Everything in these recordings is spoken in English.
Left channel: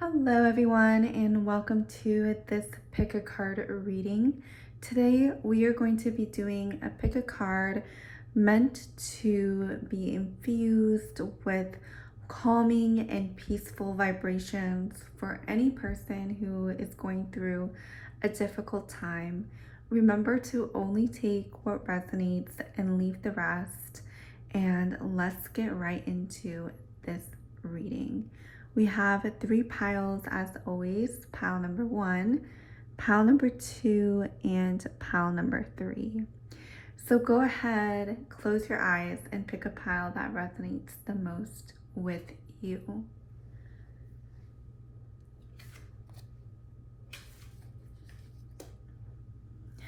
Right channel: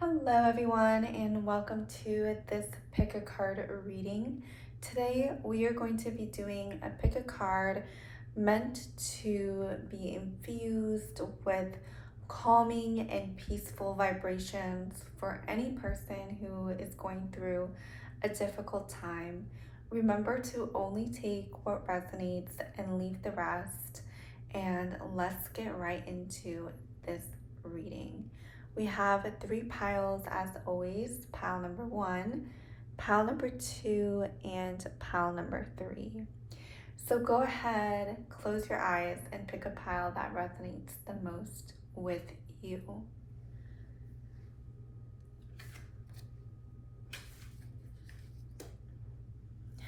Hello everyone and welcome to this pick a card reading. Today we are going to be doing a pick a card meant to be infused with calming and peaceful vibrations for any person who is going through a difficult time. Remember to only take what resonates and leave the rest, and let's get right into this reading. We have three piles as always: pile number 1, pile number 2, and pile number 3. So go ahead, close your eyes, and pick a pile that resonates the most with you.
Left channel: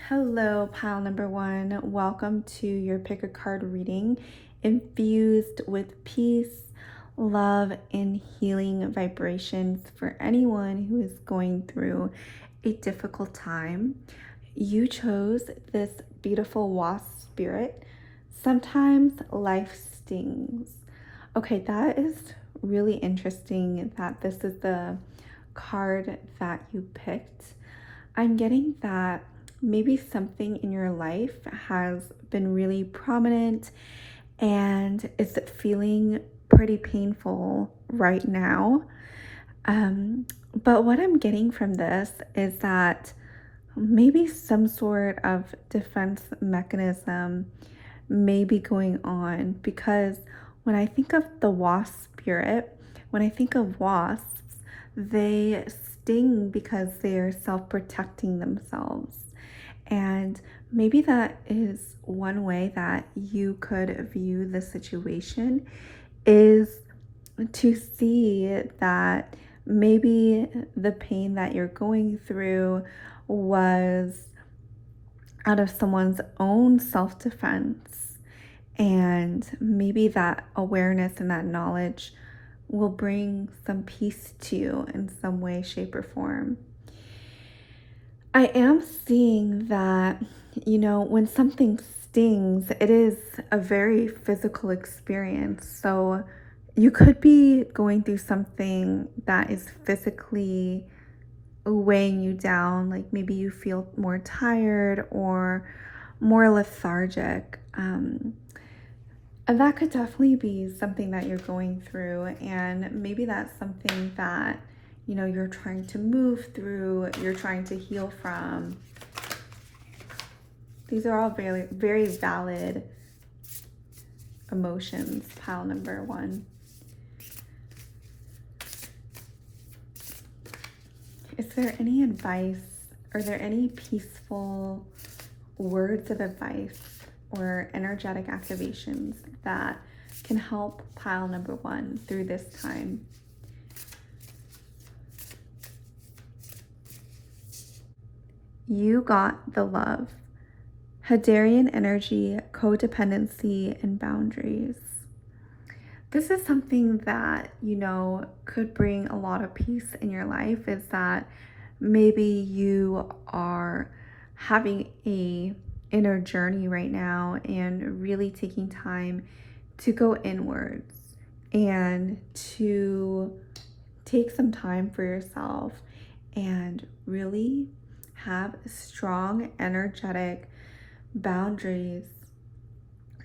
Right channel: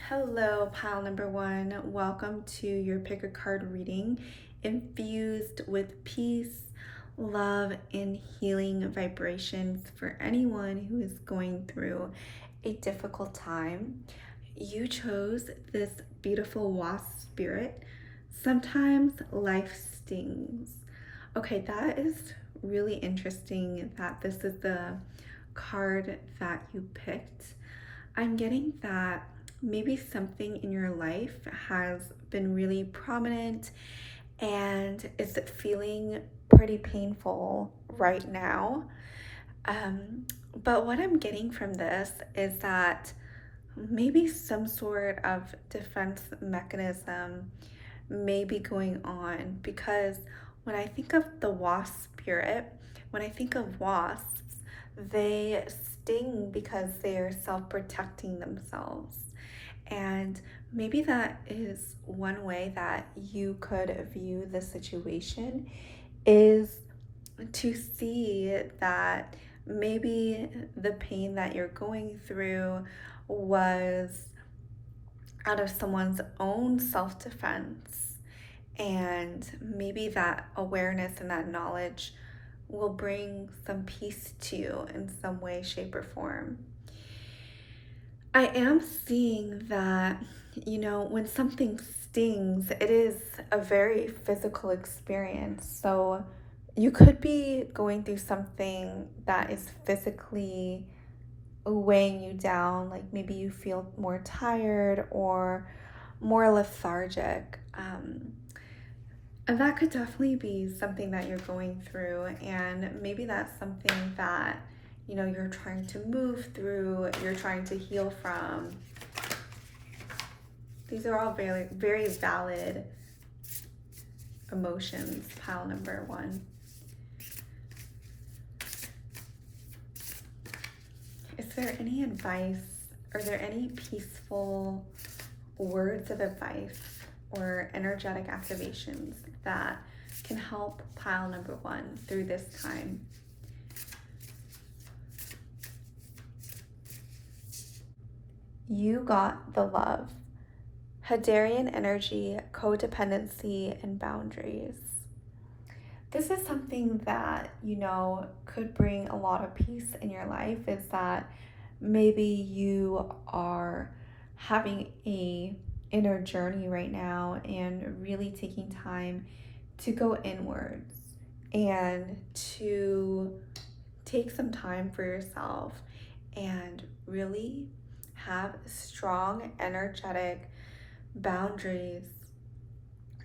Hello, pile number 1. Welcome to your pick a card reading, infused with peace, love, and healing vibrations for anyone who is going through a difficult time. You chose this beautiful wasp spirit. Sometimes life stings. Okay, that is really interesting that this is the card that you picked. I'm getting that maybe something in your life has been really prominent and is feeling pretty painful right now. But what I'm getting from this is that maybe some sort of defense mechanism may be going on, because when I think of the wasp spirit, when I think of wasps, they sting because they're self-protecting themselves. And maybe that is one way that you could view the situation, is to see that maybe the pain that you're going through was out of someone's own self-defense, and maybe that awareness and that knowledge will bring some peace to you in some way, shape, or form. I am seeing that, when something stings, it is a very physical experience. So you could be going through something that is physically weighing you down, like maybe you feel more tired or more lethargic. And that could definitely be something that you're going through, and maybe that's something that you're trying to move through, you're trying to heal from. These are all very, very valid emotions, pile number 1. Is there any advice? Are there any peaceful words of advice or energetic activations that can help pile number 1 through this time? You got the love. Hadarian energy, codependency, and boundaries. This is something that, could bring a lot of peace in your life, is that maybe you are having a inner journey right now and really taking time to go inwards and to take some time for yourself and really have strong energetic boundaries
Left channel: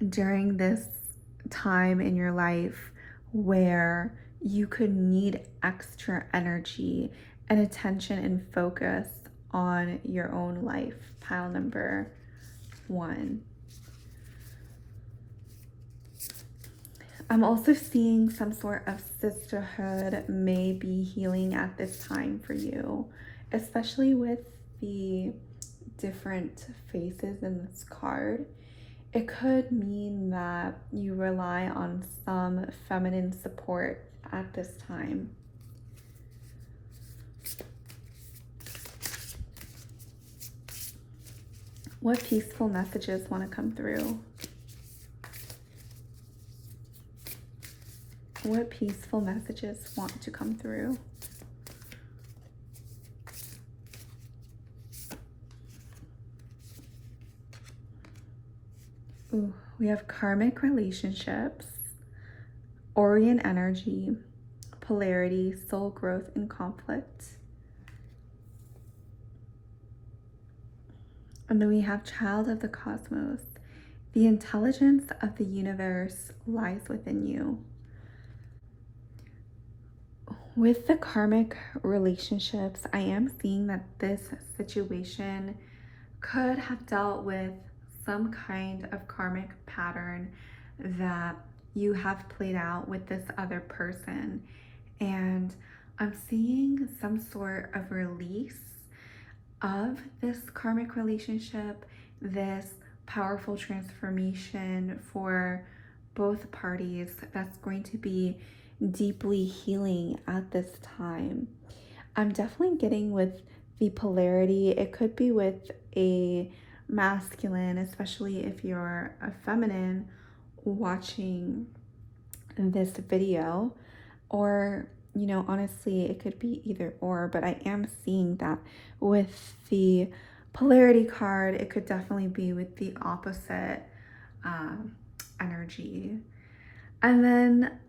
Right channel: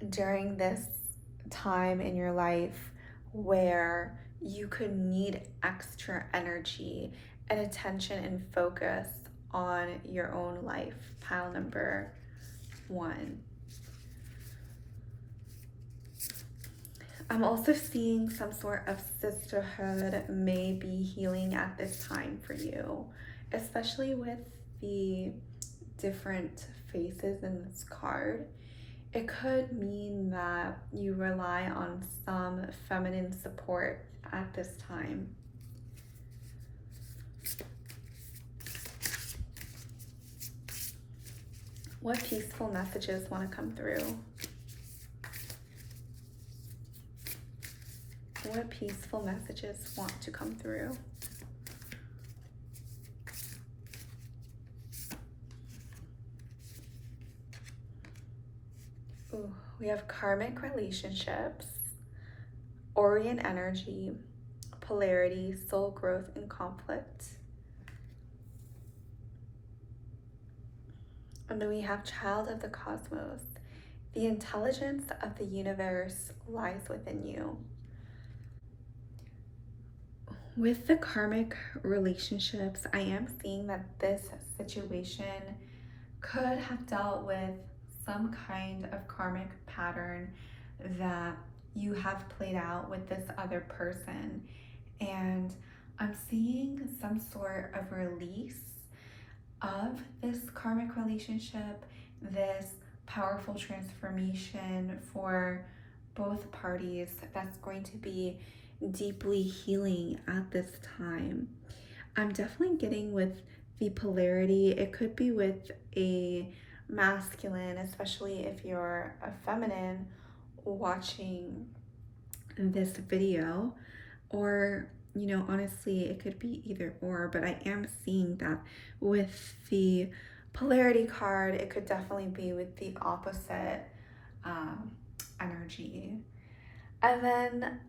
during this time in your life where you could need extra energy and attention and focus on your own life, pile number 1. I'm also seeing some sort of sisterhood may be healing at this time for you, especially with the different faces in this card. It could mean that you rely on some feminine support at this time. What peaceful messages want to come through? What peaceful messages want to come through? Ooh, we have karmic relationships, Orion energy, polarity, soul growth, and conflict. And then we have child of the cosmos. The intelligence of the universe lies within you. With the karmic relationships, I am seeing that this situation could have dealt with some kind of karmic pattern that you have played out with this other person. And I'm seeing some sort of release of this karmic relationship, this powerful transformation for both parties that's going to be deeply healing at this time. I'm definitely getting with the polarity. It could be with a masculine, especially if you're a feminine watching this video, or honestly, it could be either or, but I am seeing that with the polarity card, it could definitely be with the opposite energy. And then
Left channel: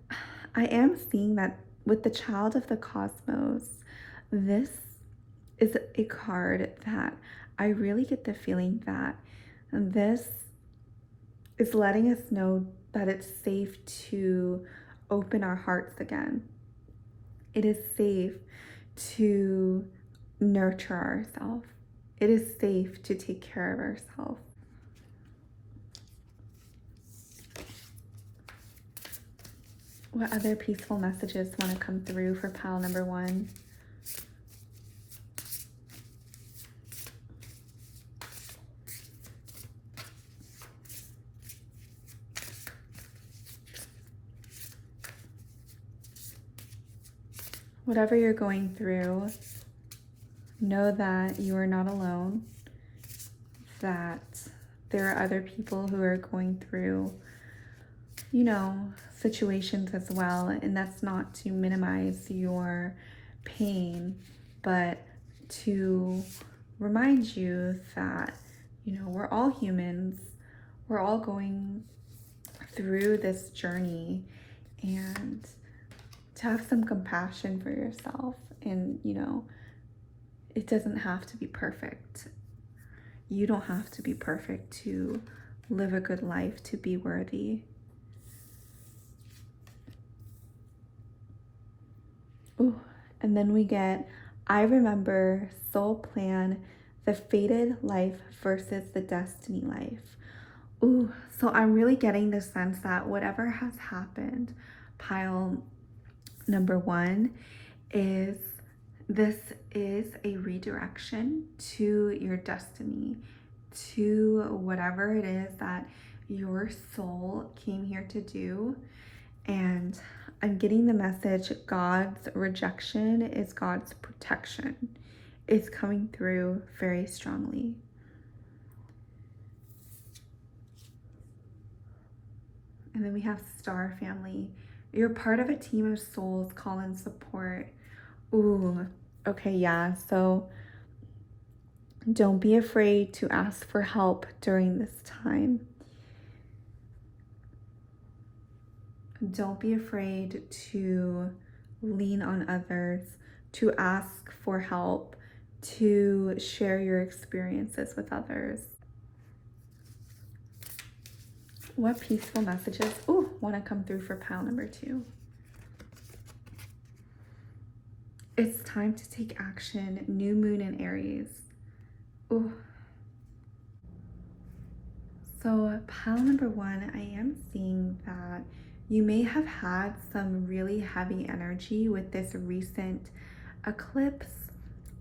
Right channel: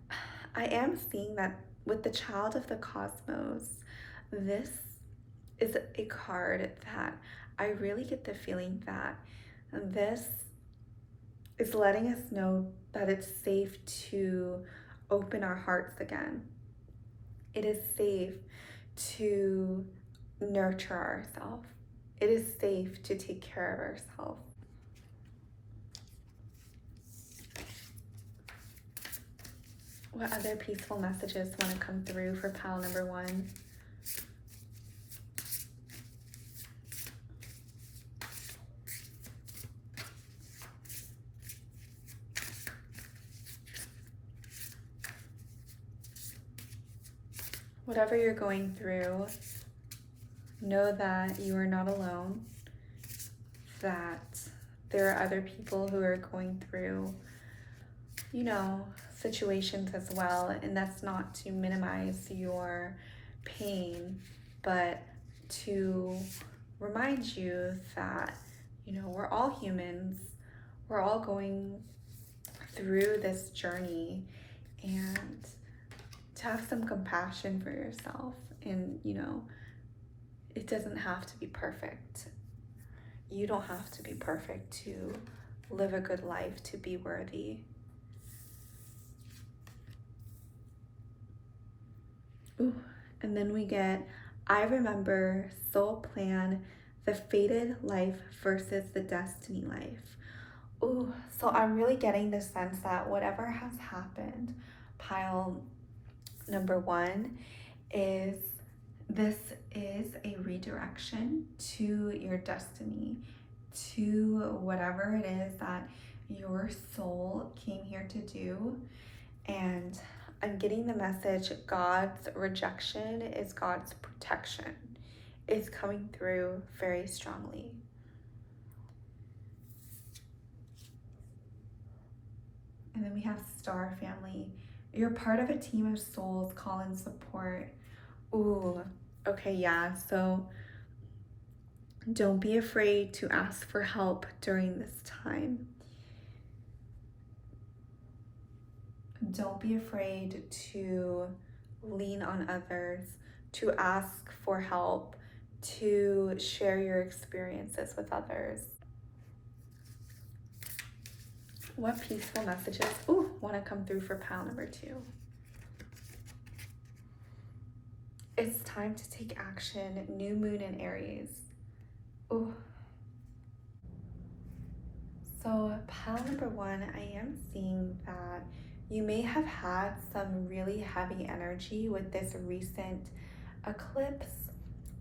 I am seeing that with the child of the cosmos, this is a card that I really get the feeling that this is letting us know that it's safe to open our hearts again. It is safe to nurture ourselves. It is safe to take care of ourselves. What other peaceful messages want to come through for pile number 1? Whatever you're going through, know that you are not alone, that there are other people who are going through, situations as well, and that's not to minimize your pain, but to remind you that, we're all humans, we're all going through this journey, and to have some compassion for yourself. And it doesn't have to be perfect. You don't have to be perfect to live a good life, to be worthy. Ooh, and then we get, I remember, soul plan, the fated life versus the destiny life. Ooh, so I'm really getting the sense that whatever has happened, pile number 1, is this is a redirection to your destiny, to whatever it is that your soul came here to do. And I'm getting the message, God's rejection is God's protection. It's coming through very strongly. And then we have Star Family. You're part of a team of souls, call and support. Ooh, okay, yeah. So don't be afraid to ask for help during this time. Don't be afraid to lean on others, to ask for help, to share your experiences with others. What peaceful messages want to come through for pile number 2? It's time to take action. New moon in Aries. Ooh. So pile number 1, I am seeing that you may have had some really heavy energy with this recent eclipse,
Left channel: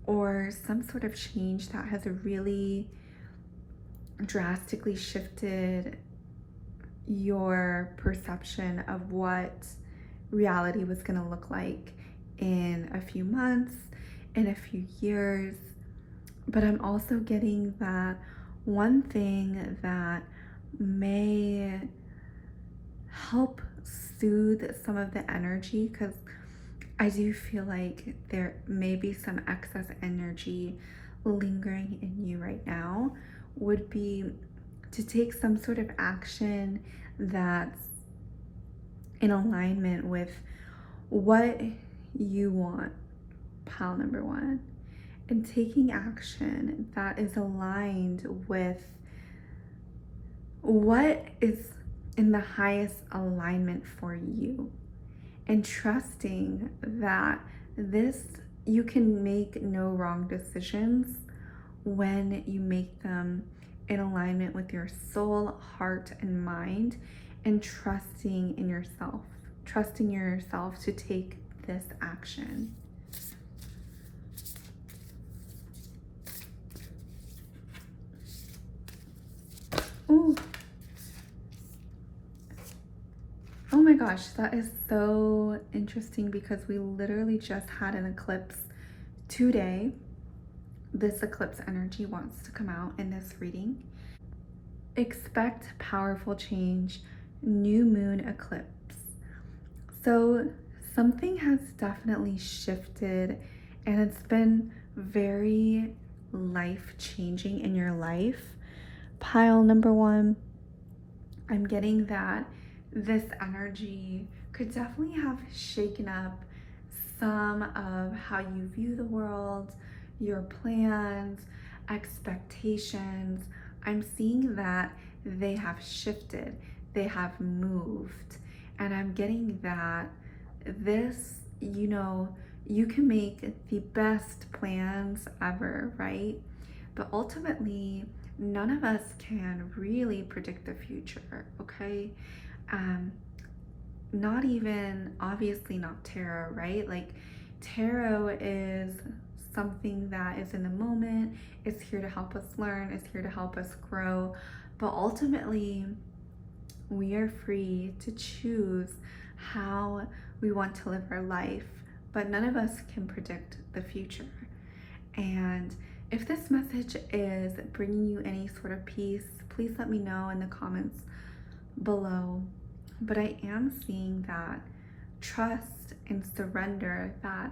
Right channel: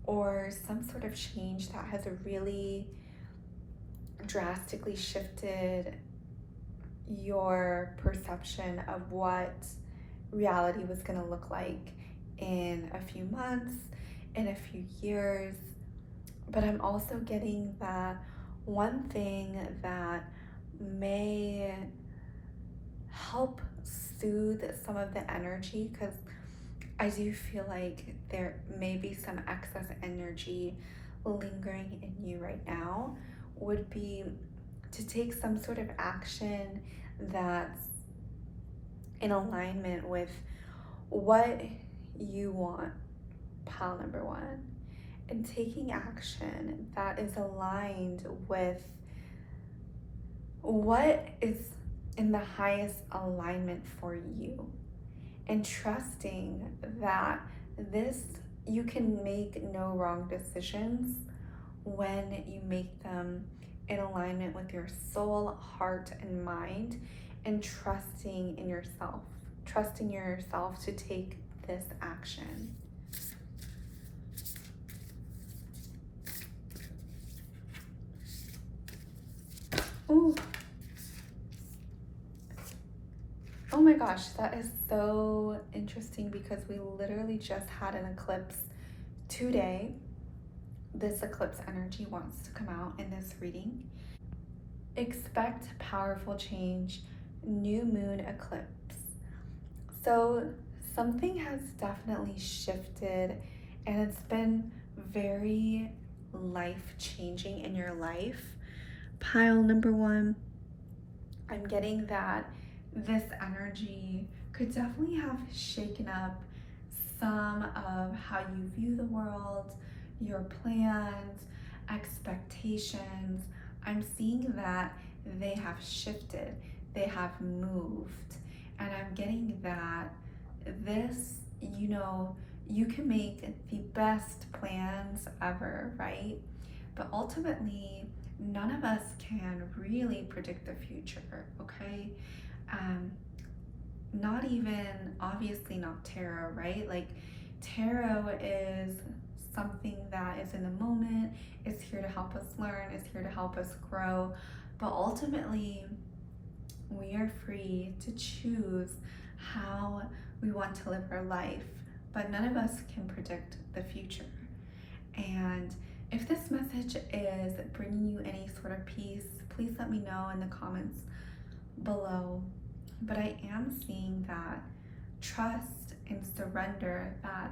or some sort of change that has really drastically shifted your perception of what reality was going to look like in a few months, in a few years. But I'm also getting that one thing that may help soothe some of the energy, because I do feel like there may be some excess energy lingering in you right now, would be to take some sort of action that's in alignment with what you want, pile number one, and taking action that is aligned with what is in the highest alignment for you, and trusting that this, you can make no wrong decisions when you make them in alignment with your soul, heart, and mind, and trusting in yourself, trusting yourself to take this action. Ooh. Oh my gosh, that is so interesting because we literally just had an eclipse today. This eclipse energy wants to come out in this reading. Expect powerful change, new moon eclipse. So something has definitely shifted, and it's been very life-changing in your life. Pile number one, I'm getting that this energy could definitely have shaken up some of how you view the world, your plans, expectations. I'm seeing that they have shifted, they have moved, and I'm getting that this, you can make the best plans ever, right? But ultimately, none of us can really predict the future, okay? Um, Not even, obviously not tarot, right? Like, tarot is something that is in the moment, it's here to help us learn, it's here to help us grow, but ultimately we are free to choose how we want to live our life, but none of us can predict the future. And if this message is bringing you any sort of peace, please let me know in the comments below. But I am seeing that trust and surrender, that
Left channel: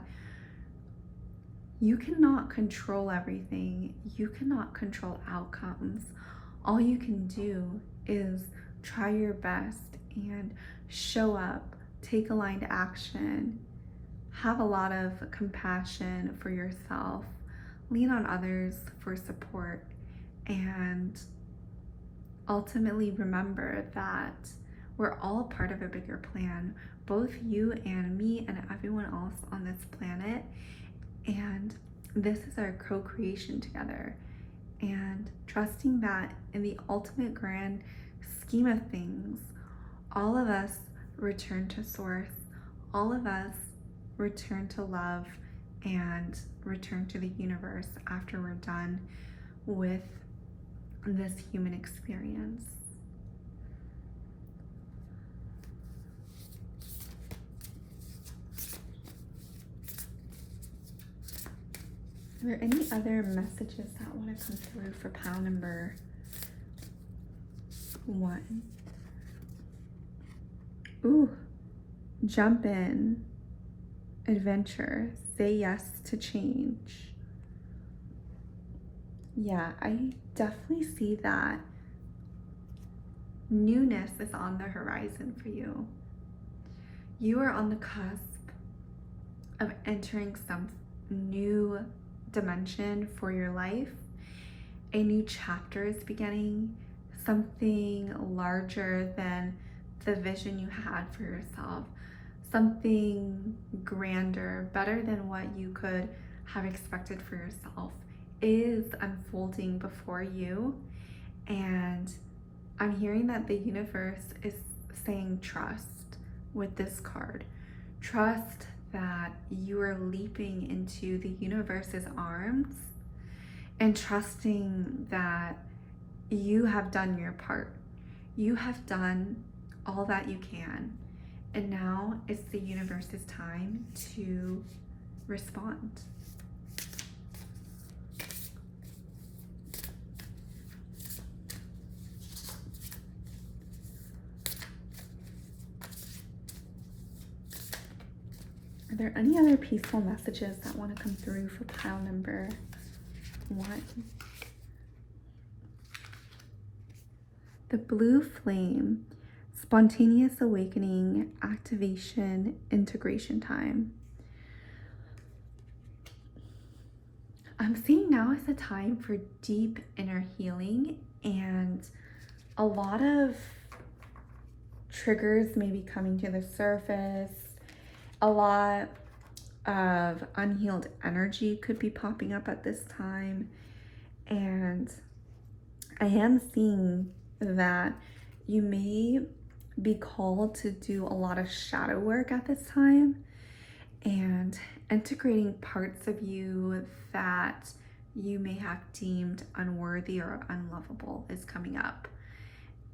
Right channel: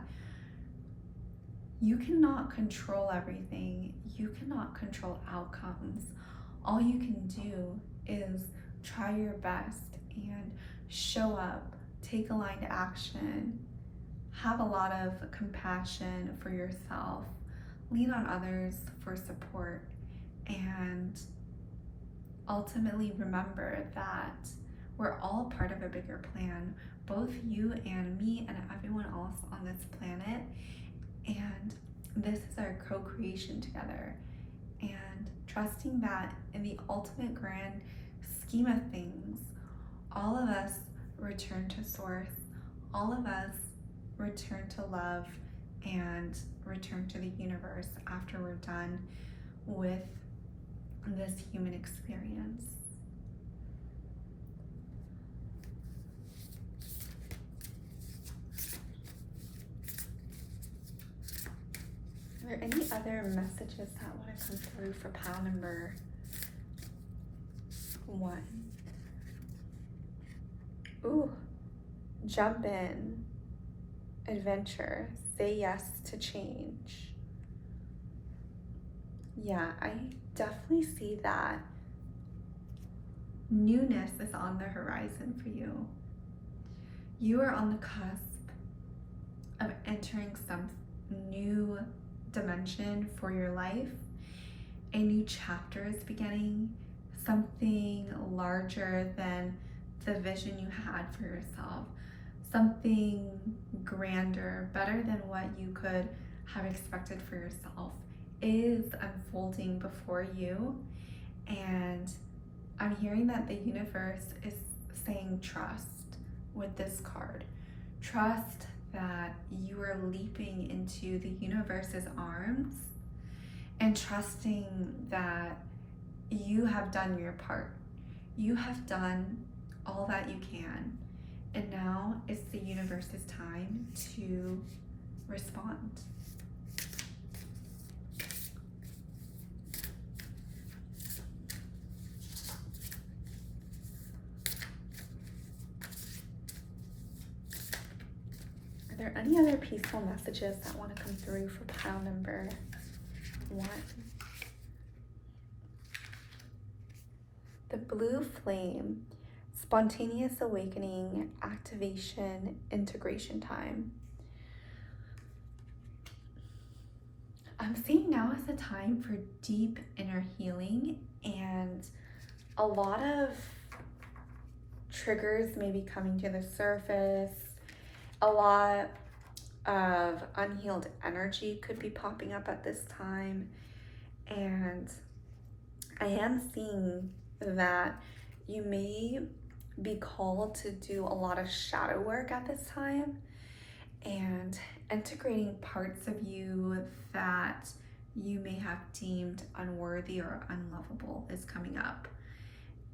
you cannot control everything, you cannot control outcomes. All you can do is try your best and show up, take aligned action, have a lot of compassion for yourself, lean on others for support, and ultimately remember that we're all part of a bigger plan, both you and me and everyone else on this planet. And this is our co-creation together. And trusting that in the ultimate grand scheme of things, all of us return to source, all of us return to love and return to the universe after we're done with this human experience. Are there any other messages that want to come through for pile number one? Ooh, jump in, adventure, say yes to change. Yeah, I definitely see that newness is on the horizon for you. You are on the cusp of entering some new dimension for your life. A new chapter is beginning, something larger than the vision you had for yourself, something grander, better than what you could have expected for yourself is unfolding before you. And I'm hearing that the universe is saying trust with this card. Trust that you are leaping into the universe's arms, and trusting that you have done your part. You have done all that you can, and now it's the universe's time to respond. Are there any other peaceful messages that want to come through for pile number one? The blue flame, spontaneous awakening, activation, integration time. I'm seeing now is the time for deep inner healing, and a lot of triggers may be coming to the surface. A lot of unhealed energy could be popping up at this time. And I am seeing that you may be called to do a lot of shadow work at this time, and integrating parts of you that you may have deemed unworthy or unlovable is coming up.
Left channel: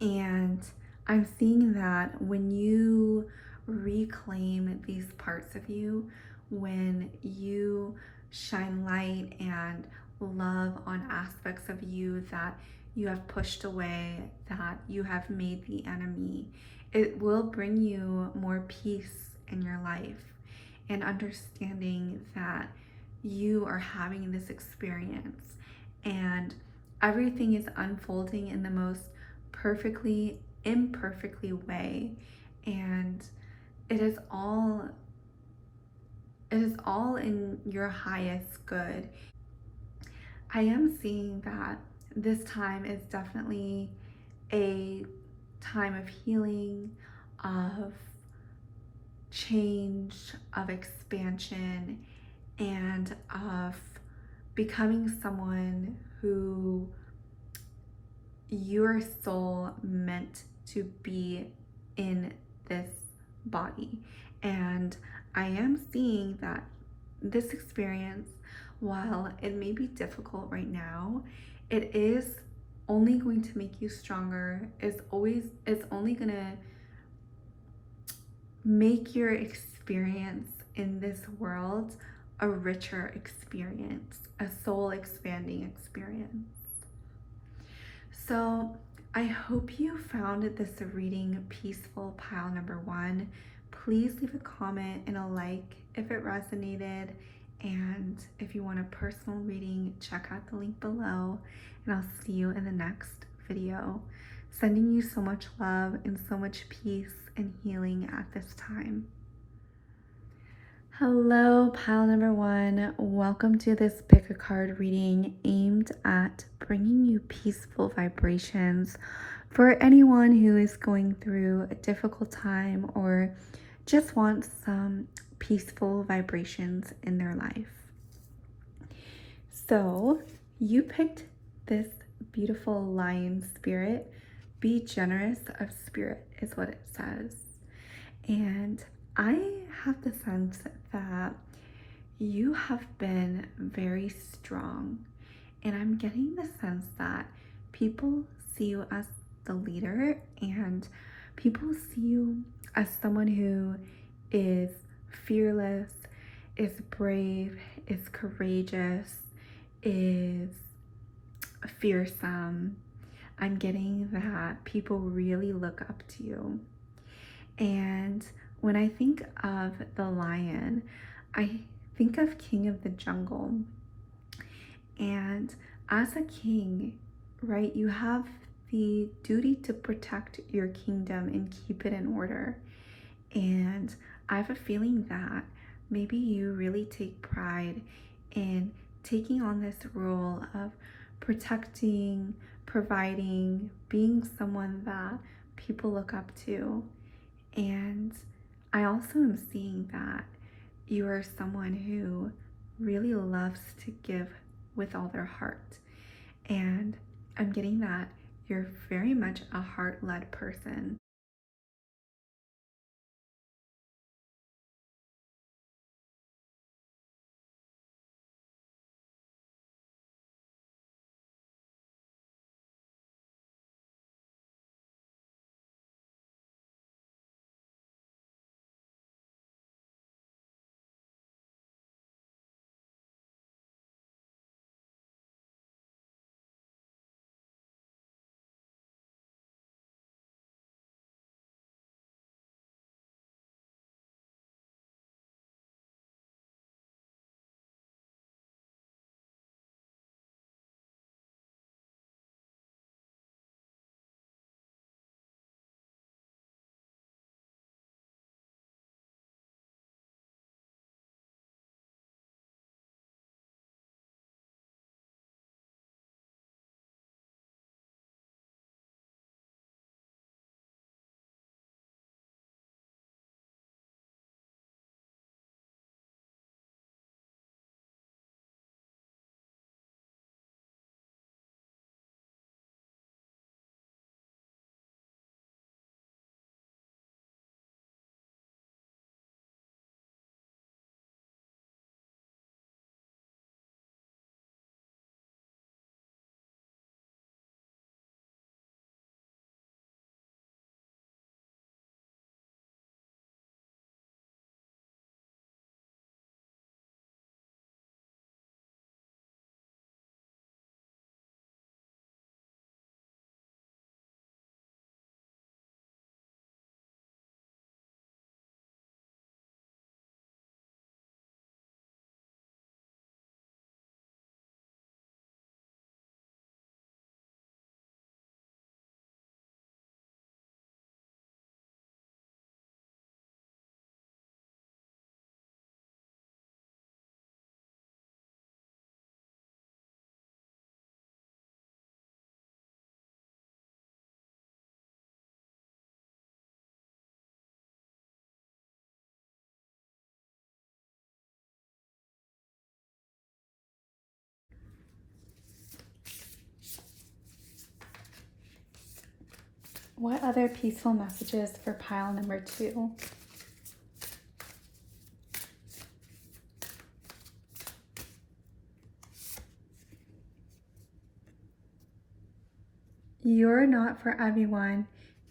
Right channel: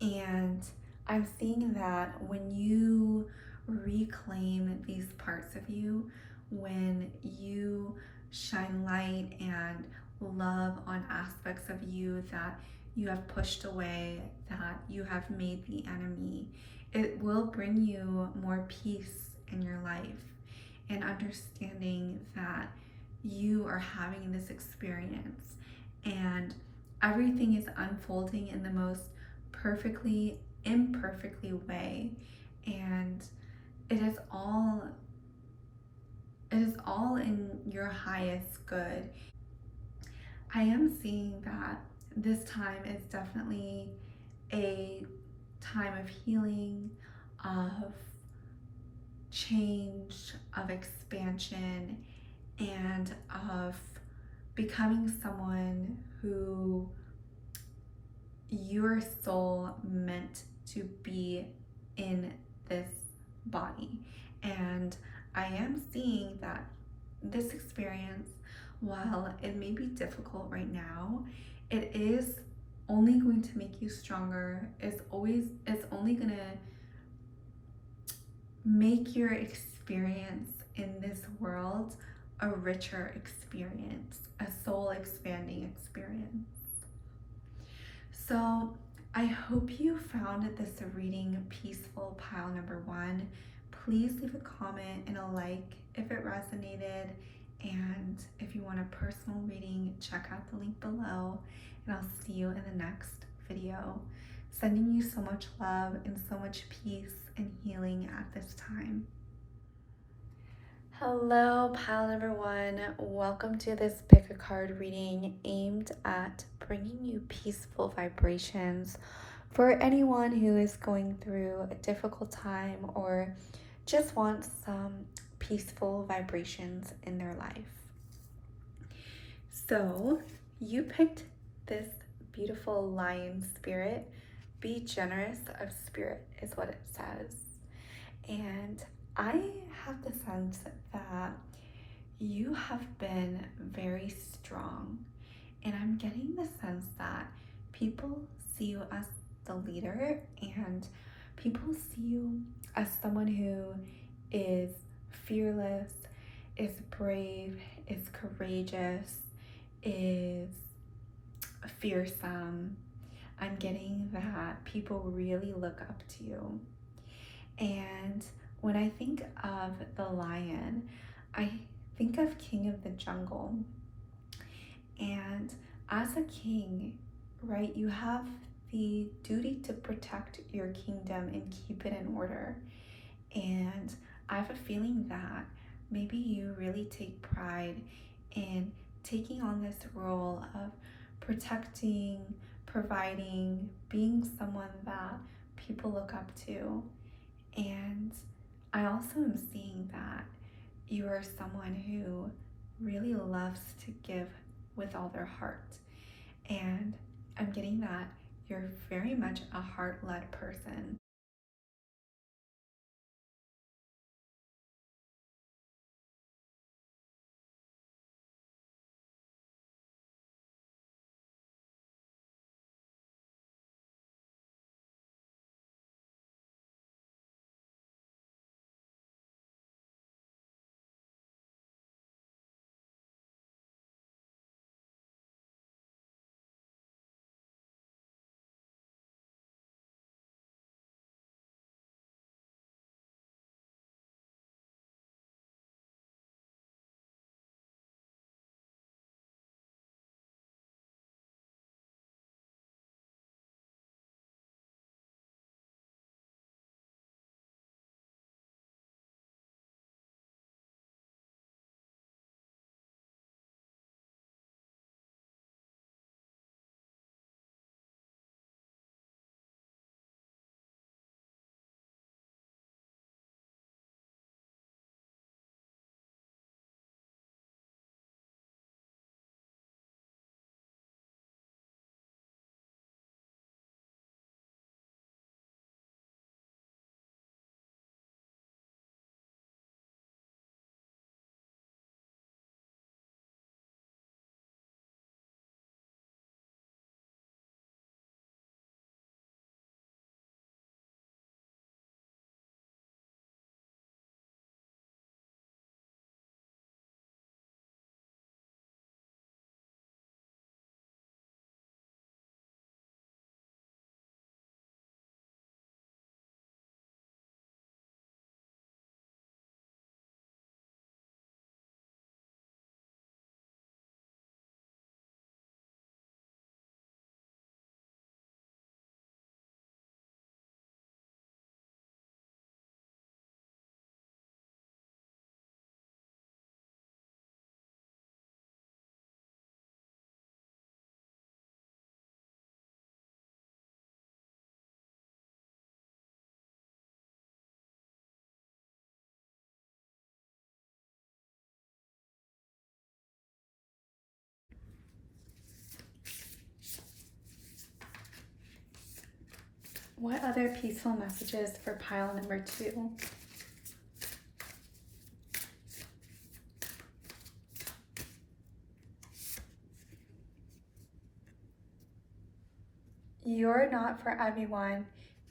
And I'm seeing that when you reclaim these parts of you, when you shine light and love on aspects of you that you have pushed away, that you have made the enemy, it will bring you more peace in your life, and understanding that you are having this experience and everything is unfolding in the most perfectly imperfectly way, and it is all in your highest good. I am seeing that this time is definitely a time of healing, of change, of expansion, and of becoming someone who your soul meant to be in this body. And I am seeing that this experience, while it may be difficult right now, it is only going to make you stronger. It's only gonna make your experience in this world a richer experience, a soul expanding experience. So I hope you found this reading peaceful, pile number one. Please leave a comment and a like if it resonated. And if you want a personal reading, check out the link below. And I'll see you in the next video. Sending you so much love and so much peace and healing at this time. Hello, pile number one. Welcome to this pick a card reading aimed at bringing you peaceful vibrations for anyone who is going through a difficult time or just wants some peaceful vibrations in their life. So you picked this beautiful lion spirit. Be generous of spirit is what it says. And I have the sense that you have been very strong, and I'm getting the sense that people see you as the leader, and people see you as someone who is fearless, is brave, is courageous, is fearsome. I'm getting that people really look up to you. And when I think of the lion, I think of King of the Jungle. And as a king, right, you have the duty to protect your kingdom and keep it in order. And I have a feeling that maybe you really take pride in taking on this role of protecting, providing, being someone that people look up to. And I also am seeing that you are someone who really loves to give with all their heart. And I'm getting that you're very much a heart-led person. What other peaceful messages for pile number 2? You're not for everyone.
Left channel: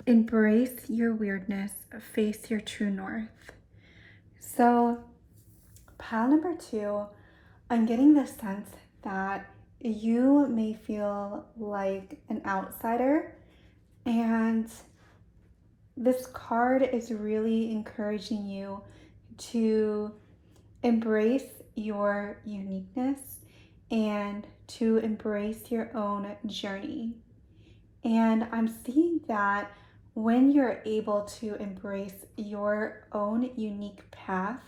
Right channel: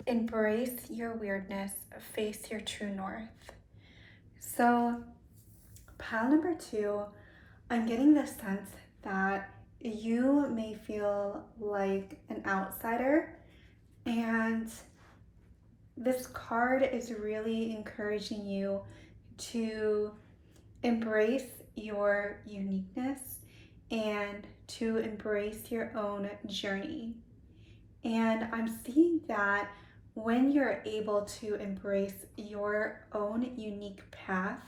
Embrace your weirdness. Face your true north. So, pile number 2, I'm getting the sense that you may feel like an outsider, and this card is really encouraging you to embrace your uniqueness and to embrace your own journey. And I'm seeing that when you're able to embrace your own unique path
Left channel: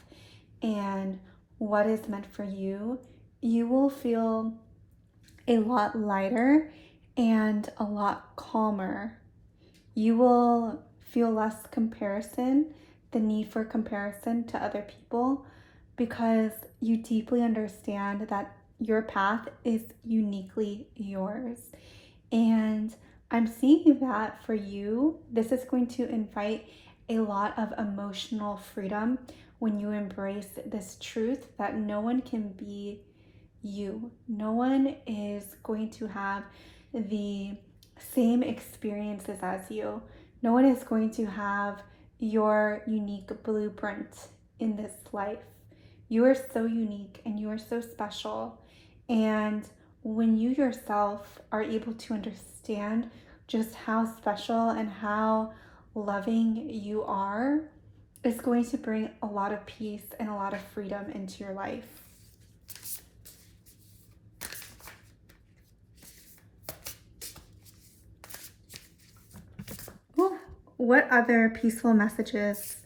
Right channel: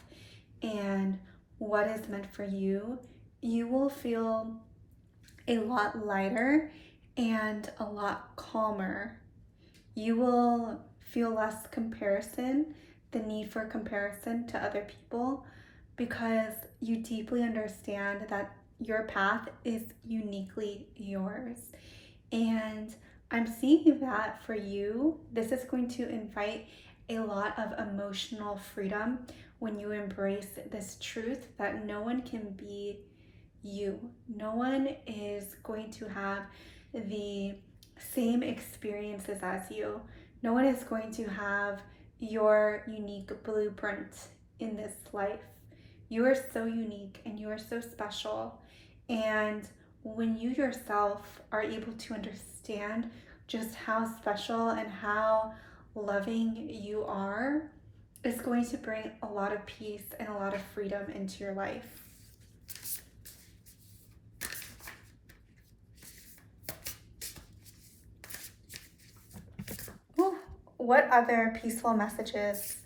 and what is meant for you, you will feel a lot lighter and a lot calmer. You will feel less comparison, the need for comparison to other people, because you deeply understand that your path is uniquely yours. And I'm seeing that for you, this is going to invite a lot of emotional freedom when you embrace this truth that no one can be you. No one is going to have the same experiences as you. No one is going to have your unique blueprint in this life. You are so unique and you are so special. And when you yourself are able to understand just how special and how loving you are, it's going to bring a lot of peace and a lot of freedom into your life. What other peaceful messages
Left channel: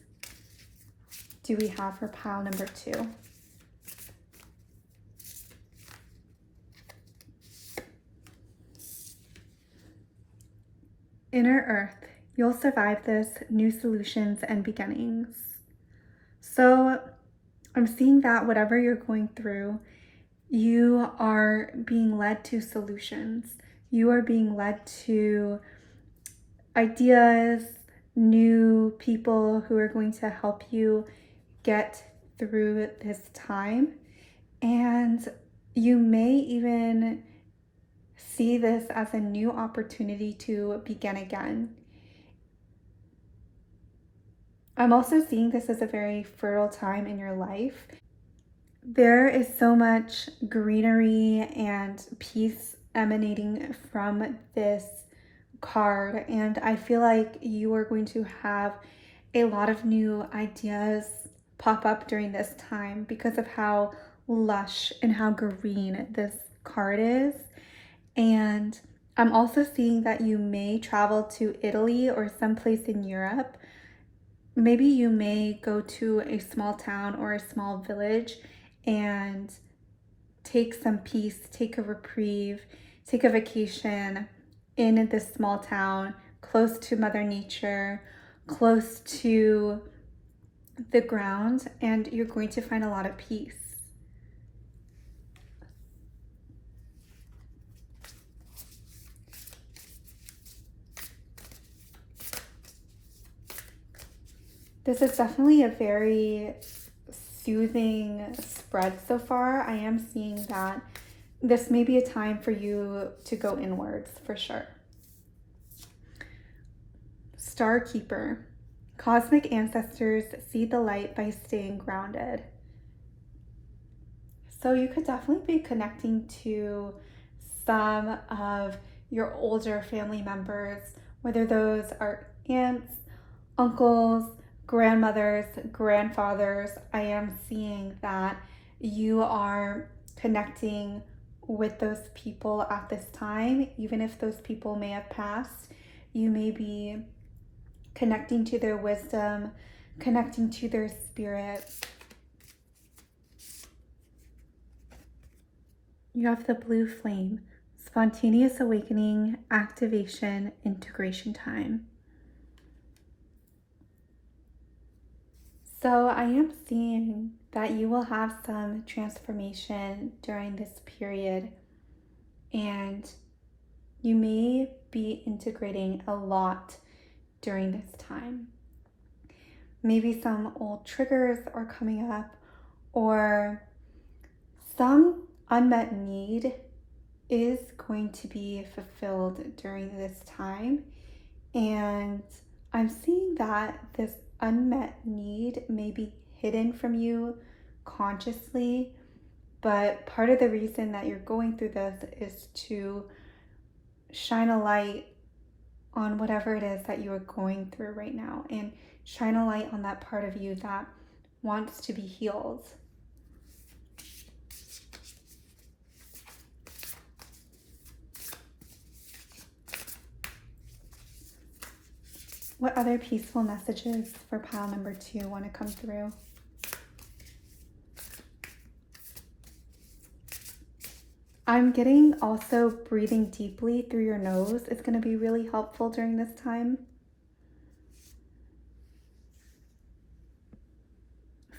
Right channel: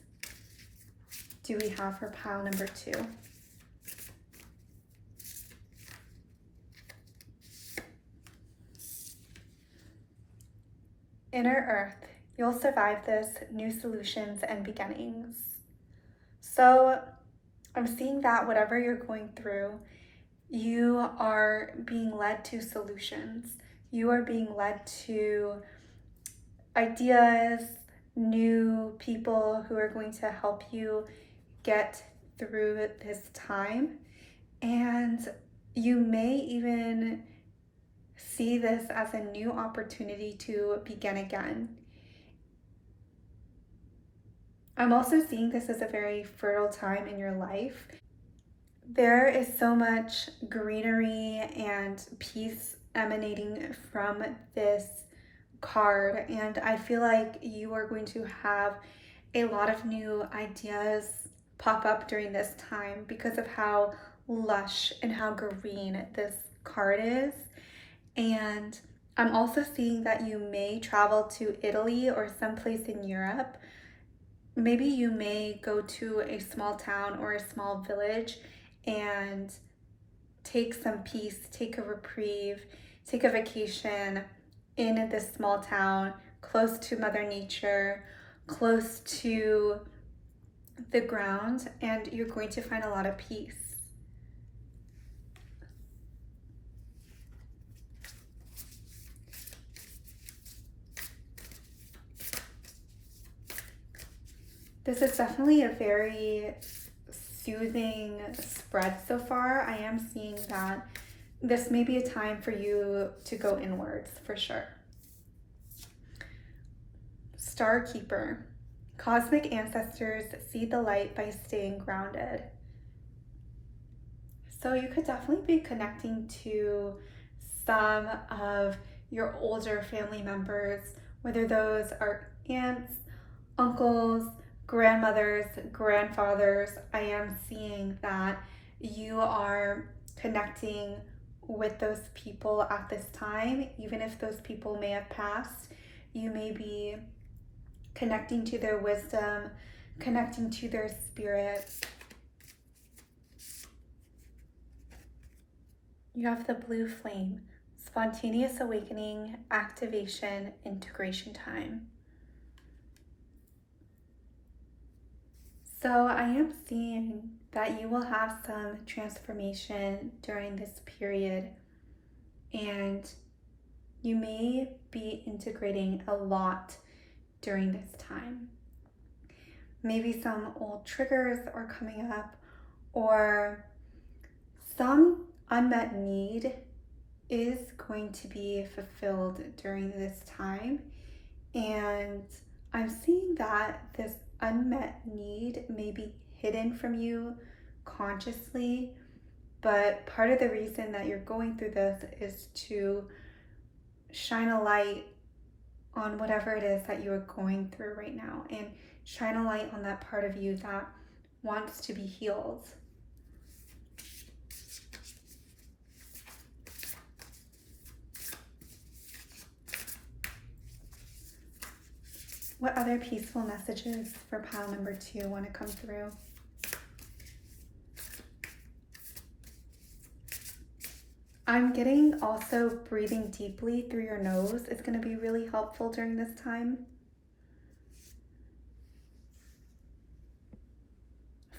do we have for pile number 2? Inner Earth, you'll survive this, new solutions and beginnings. So I'm seeing that whatever you're going through, you are being led to solutions. You are being led to ideas, new people who are going to help you get through this time. And you may even see this as a new opportunity to begin again. I'm also seeing this as a very fertile time in your life. There is so much greenery and peace emanating from this card, and I feel like you are going to have a lot of new ideas pop up during this time because of how lush and how green this card is. And I'm also seeing that you may travel to Italy or someplace in Europe. Maybe you may go to a small town or a small village and take some peace, take a reprieve, take a vacation in this small town, close to Mother Nature, close to the ground, and you're going to find a lot of peace. This is definitely a very soothing spread so far. I am seeing that this may be a time for you to go inwards for sure. Star Keeper. Cosmic ancestors see the light by staying grounded. So you could definitely be connecting to some of your older family members, whether those are aunts, uncles, grandmothers, grandfathers. I am seeing that you are connecting with those people at this time. Even if those people may have passed, you may be connecting to their wisdom, connecting to their spirit. You have the blue flame, spontaneous awakening, activation, integration time. So I am seeing that you will have some transformation during this period, and you may be integrating a lot during this time. Maybe some old triggers are coming up, or some unmet need is going to be fulfilled during this time. And I'm seeing that this unmet need may be hidden from you consciously, but part of the reason that you're going through this is to shine a light on whatever it is that you are going through right now, and shine a light on that part of you that wants to be healed. What other peaceful messages for pile number 2 want to come through? I'm getting also breathing deeply through your nose is going to be really helpful during this time.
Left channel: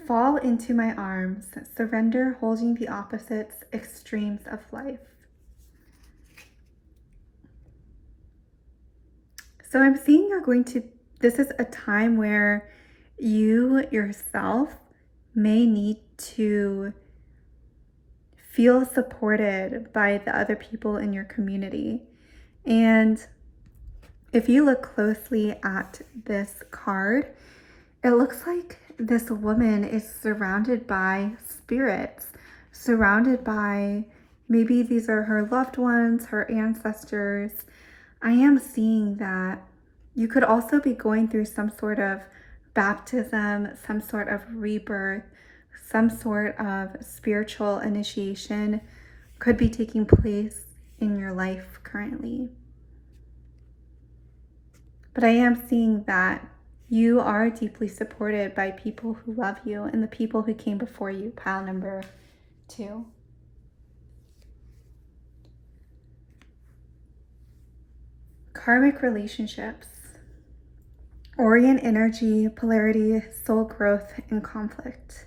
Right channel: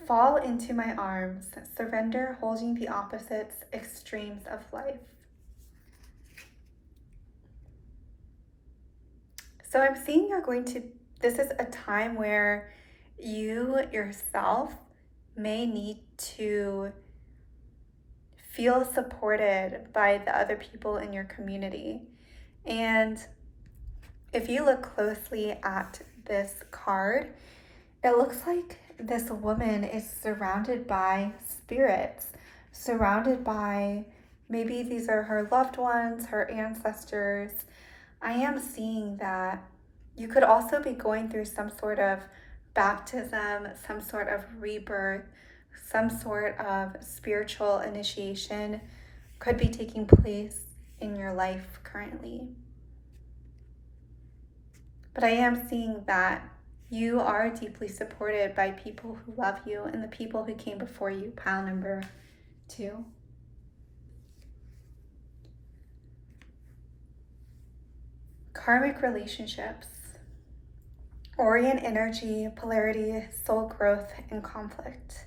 Fall into my arms, surrender holding the opposites, extremes of life. So I'm seeing this is a time where you yourself may need to feel supported by the other people in your community. And if you look closely at this card, it looks like this woman is surrounded by spirits, surrounded by, maybe these are her loved ones, her ancestors. I am seeing that you could also be going through some sort of baptism, some sort of rebirth, some sort of spiritual initiation could be taking place in your life currently. But I am seeing that you are deeply supported by people who love you and the people who came before you, pile number 2. Karmic relationships, Orient energy, polarity, soul growth, and conflict.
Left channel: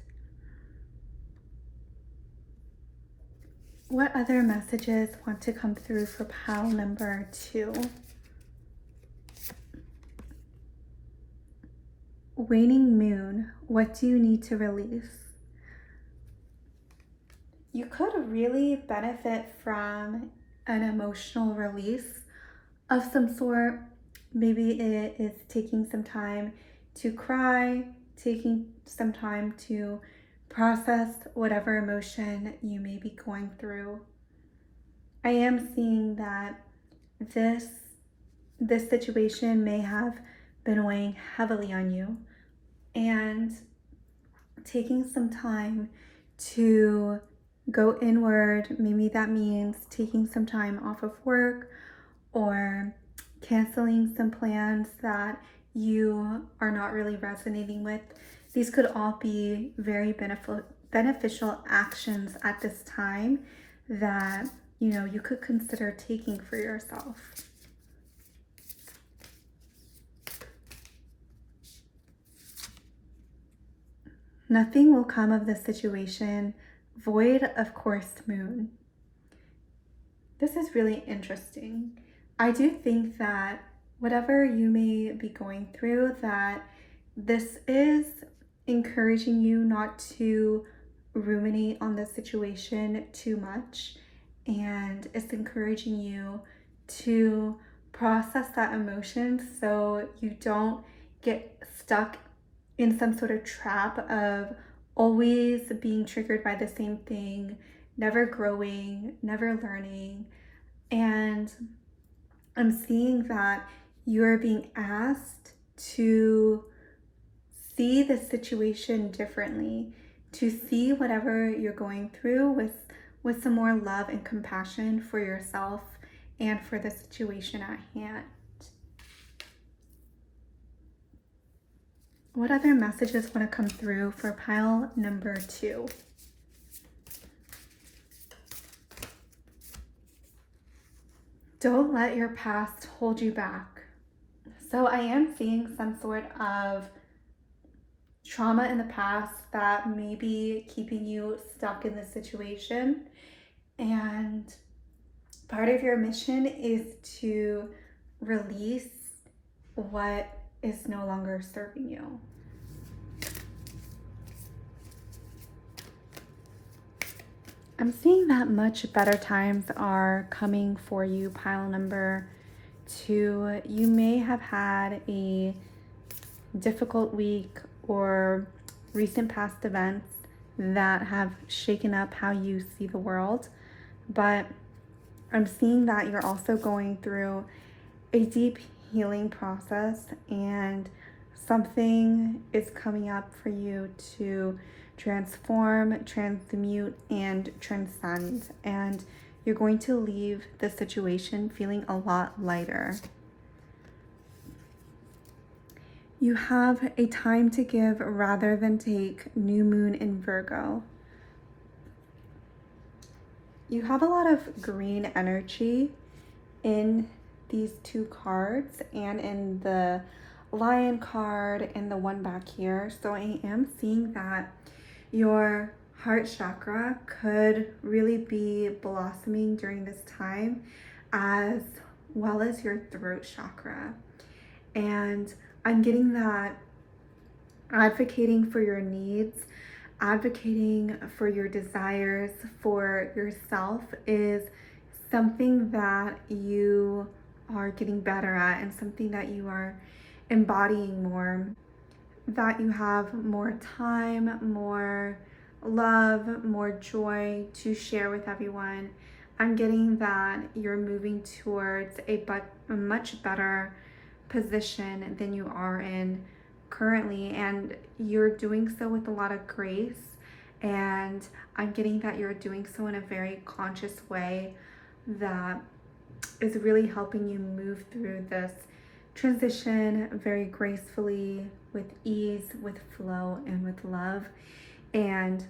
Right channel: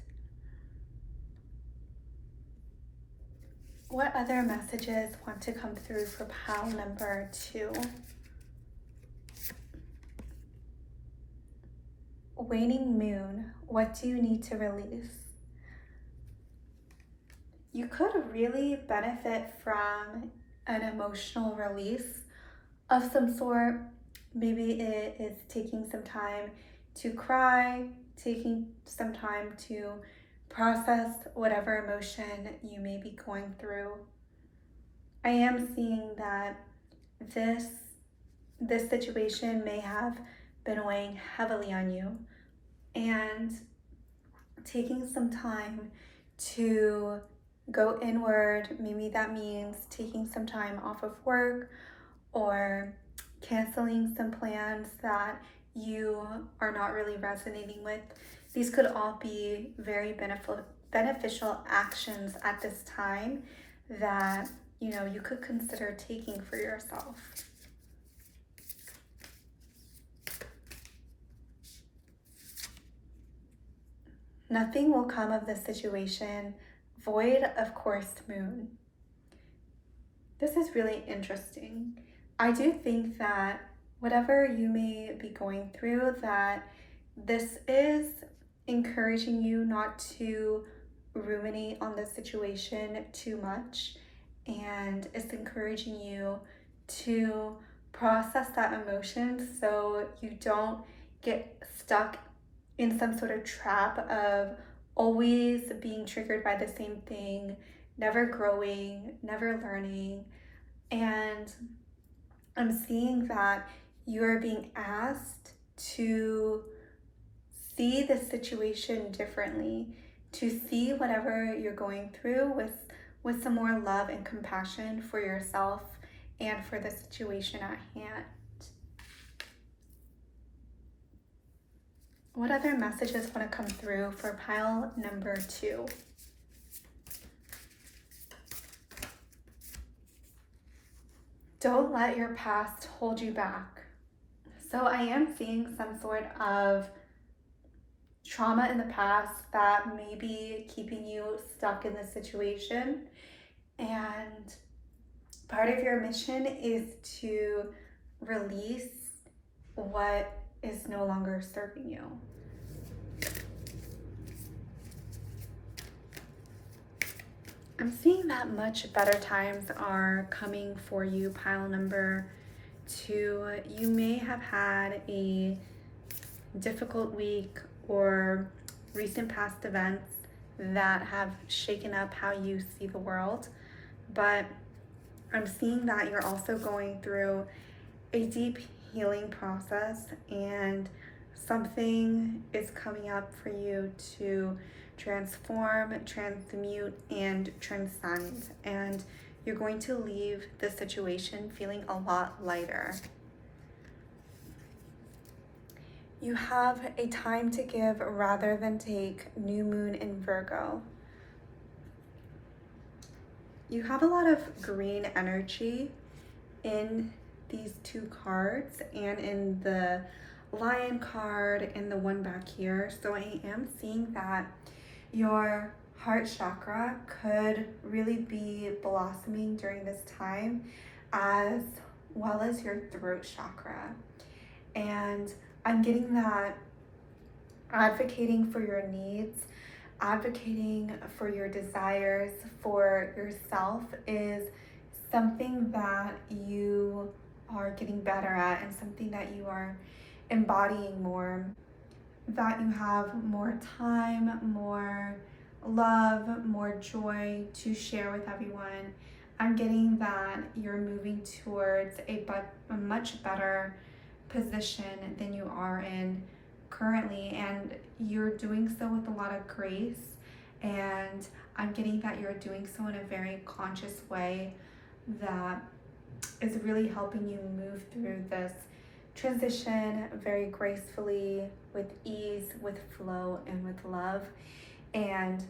What other messages want to come through for pile number 2? Waning moon, what do you need to release? You could really benefit from an emotional release of some sort. Maybe it is taking some time to cry, taking some time to process whatever emotion you may be going through. I am seeing that this situation may have been weighing heavily on you, and taking some time to go inward. Maybe that means taking some time off of work or canceling some plans that you are not really resonating with. These could all be very beneficial actions at this time that you could consider taking for yourself. Nothing will come of this situation void of coursed moon. This is really interesting. I do think that whatever you may be going through, that this is encouraging you not to ruminate on the situation too much, and it's encouraging you to process that emotion so you don't get stuck in some sort of trap of always being triggered by the same thing, never growing, never learning. And I'm seeing that you're being asked to see the situation differently, to see whatever you're going through with some more love and compassion for yourself and for the situation at hand. What other messages want to come through for pile number 2? Don't let your past hold you back. So I am seeing some sort of trauma in the past that may be keeping you stuck in this situation. And part of your mission is to release what is no longer serving you. I'm seeing that much better times are coming for you, pile number 2. You may have had a difficult week or recent past events that have shaken up how you see the world, but I'm seeing that you're also going through a deep healing process, and something is coming up for you to transform, transmute, and transcend. And you're going to leave the situation feeling a lot lighter. You have a time to give rather than take, new moon in Virgo. You have a lot of green energy in these 2 cards and in the lion card and the one back here. So I am seeing that your heart chakra could really be blossoming during this time, as well as your throat chakra. And I'm getting that advocating for your needs, advocating for your desires for yourself is something that you are getting better at, and something that you are embodying more, that you have more time, more love, more joy to share with everyone. I'm getting that you're moving towards a much better position than you are in currently, and you're doing so with a lot of grace. And I'm getting that you're doing so in a very conscious way that is really helping you move through this transition very gracefully, with ease, with flow, and with love. And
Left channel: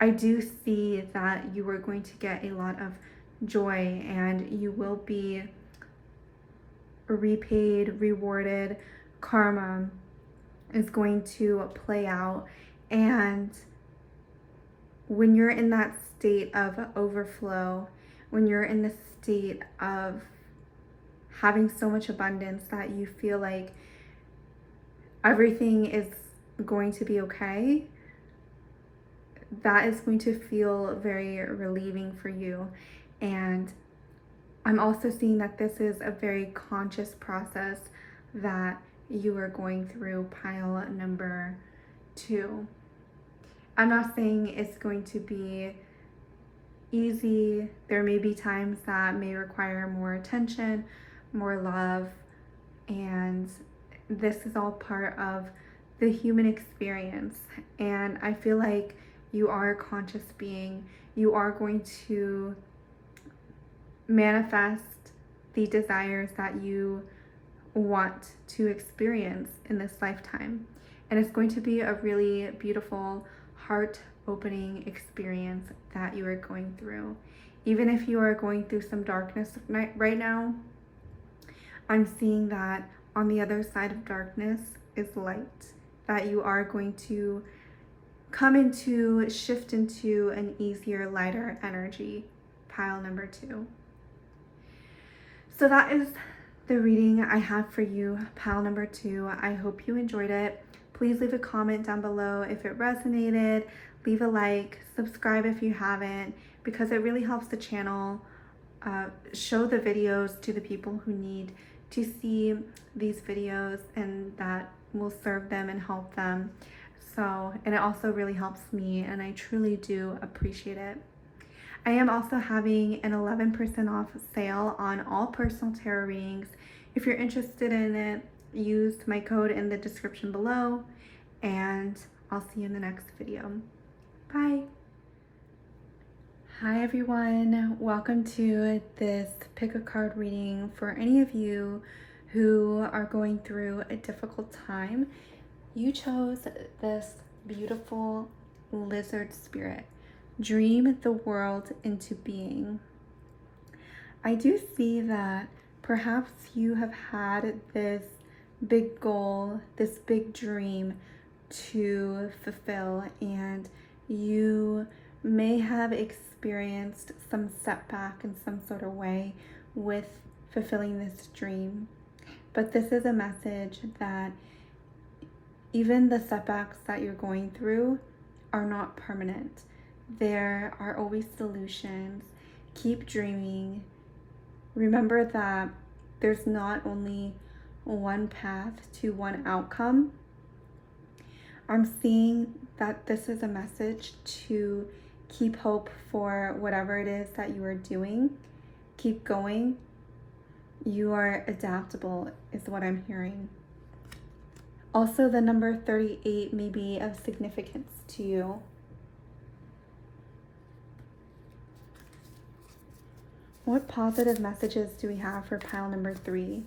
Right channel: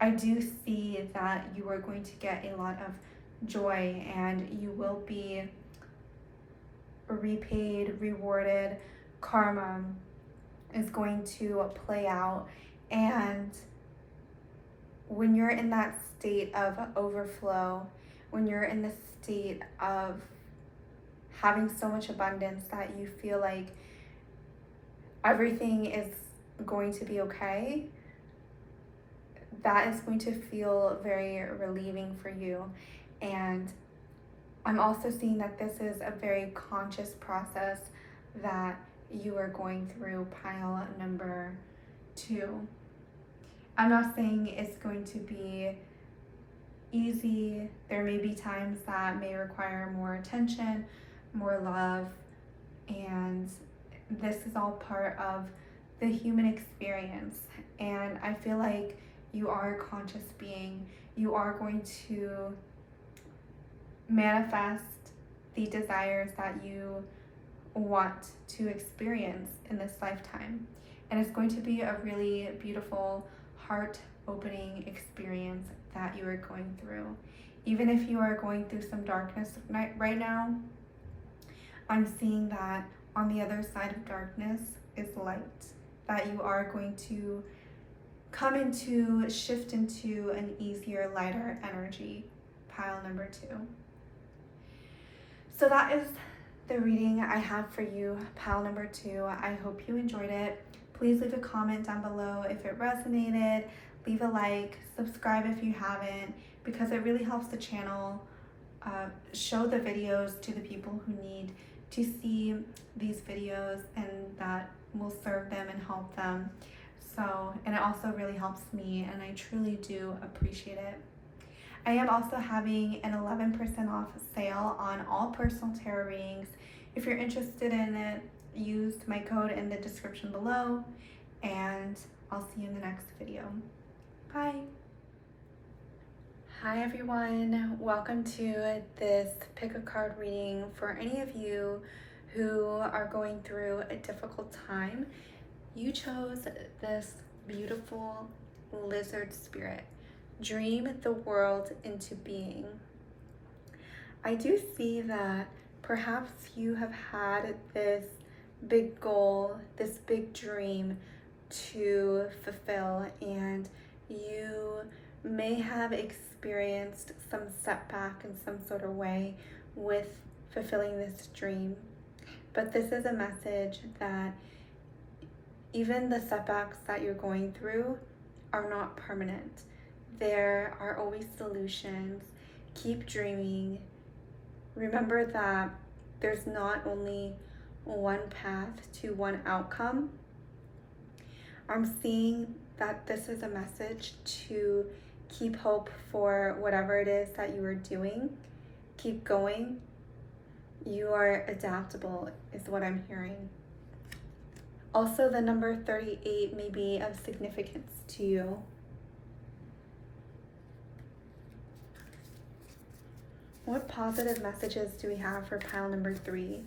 I do see that you are going to get a lot of joy, and you will be repaid, rewarded. Karma is going to play out, and when you're in that state of overflow, when you're in the state of having so much abundance that you feel like everything is going to be okay, that is going to feel very relieving for you. And I'm also seeing that this is a very conscious process that you are going through, pile number 2. I'm not saying it's going to be easy. There may be times that may require more attention, more love, and this is all part of the human experience. And I feel like you are a conscious being. You are going to manifest the desires that you want to experience in this lifetime. And it's going to be a really beautiful, heart-opening experience that you are going through. Even if you are going through some darkness right now, I'm seeing that on the other side of darkness is light, that you are going to shift into an easier, lighter energy, pile number 2. So that is the reading I have for you, pile number 2. I hope you enjoyed it. Please leave a comment down below if it resonated. Leave a like, subscribe if you haven't, because it really helps the channel show the videos to the people who need to see these videos, and that will serve them and help them. So, and it also really helps me, and I truly do appreciate it. I am also having an 11% off sale on all personal tarot readings. If you're interested in it, use my code in the description below, and I'll see you in the next video. Bye. Hi everyone, welcome to this pick a card reading for any of you who are going through a difficult time. You chose this beautiful lizard spirit. Dream the world into being. I do see that perhaps you have had this big goal, this big dream to fulfill, and you may have experienced some setback in some sort of way with fulfilling this dream. But this is a message that even the setbacks that you're going through are not permanent. There are always solutions. Keep dreaming. Remember that there's not only one path to one outcome. I'm seeing that this is a message to keep hope for whatever it is that you are doing. Keep going. You are adaptable, is what I'm hearing. Also, the number 38 may be of significance to you. What positive messages do we have for pile number 3?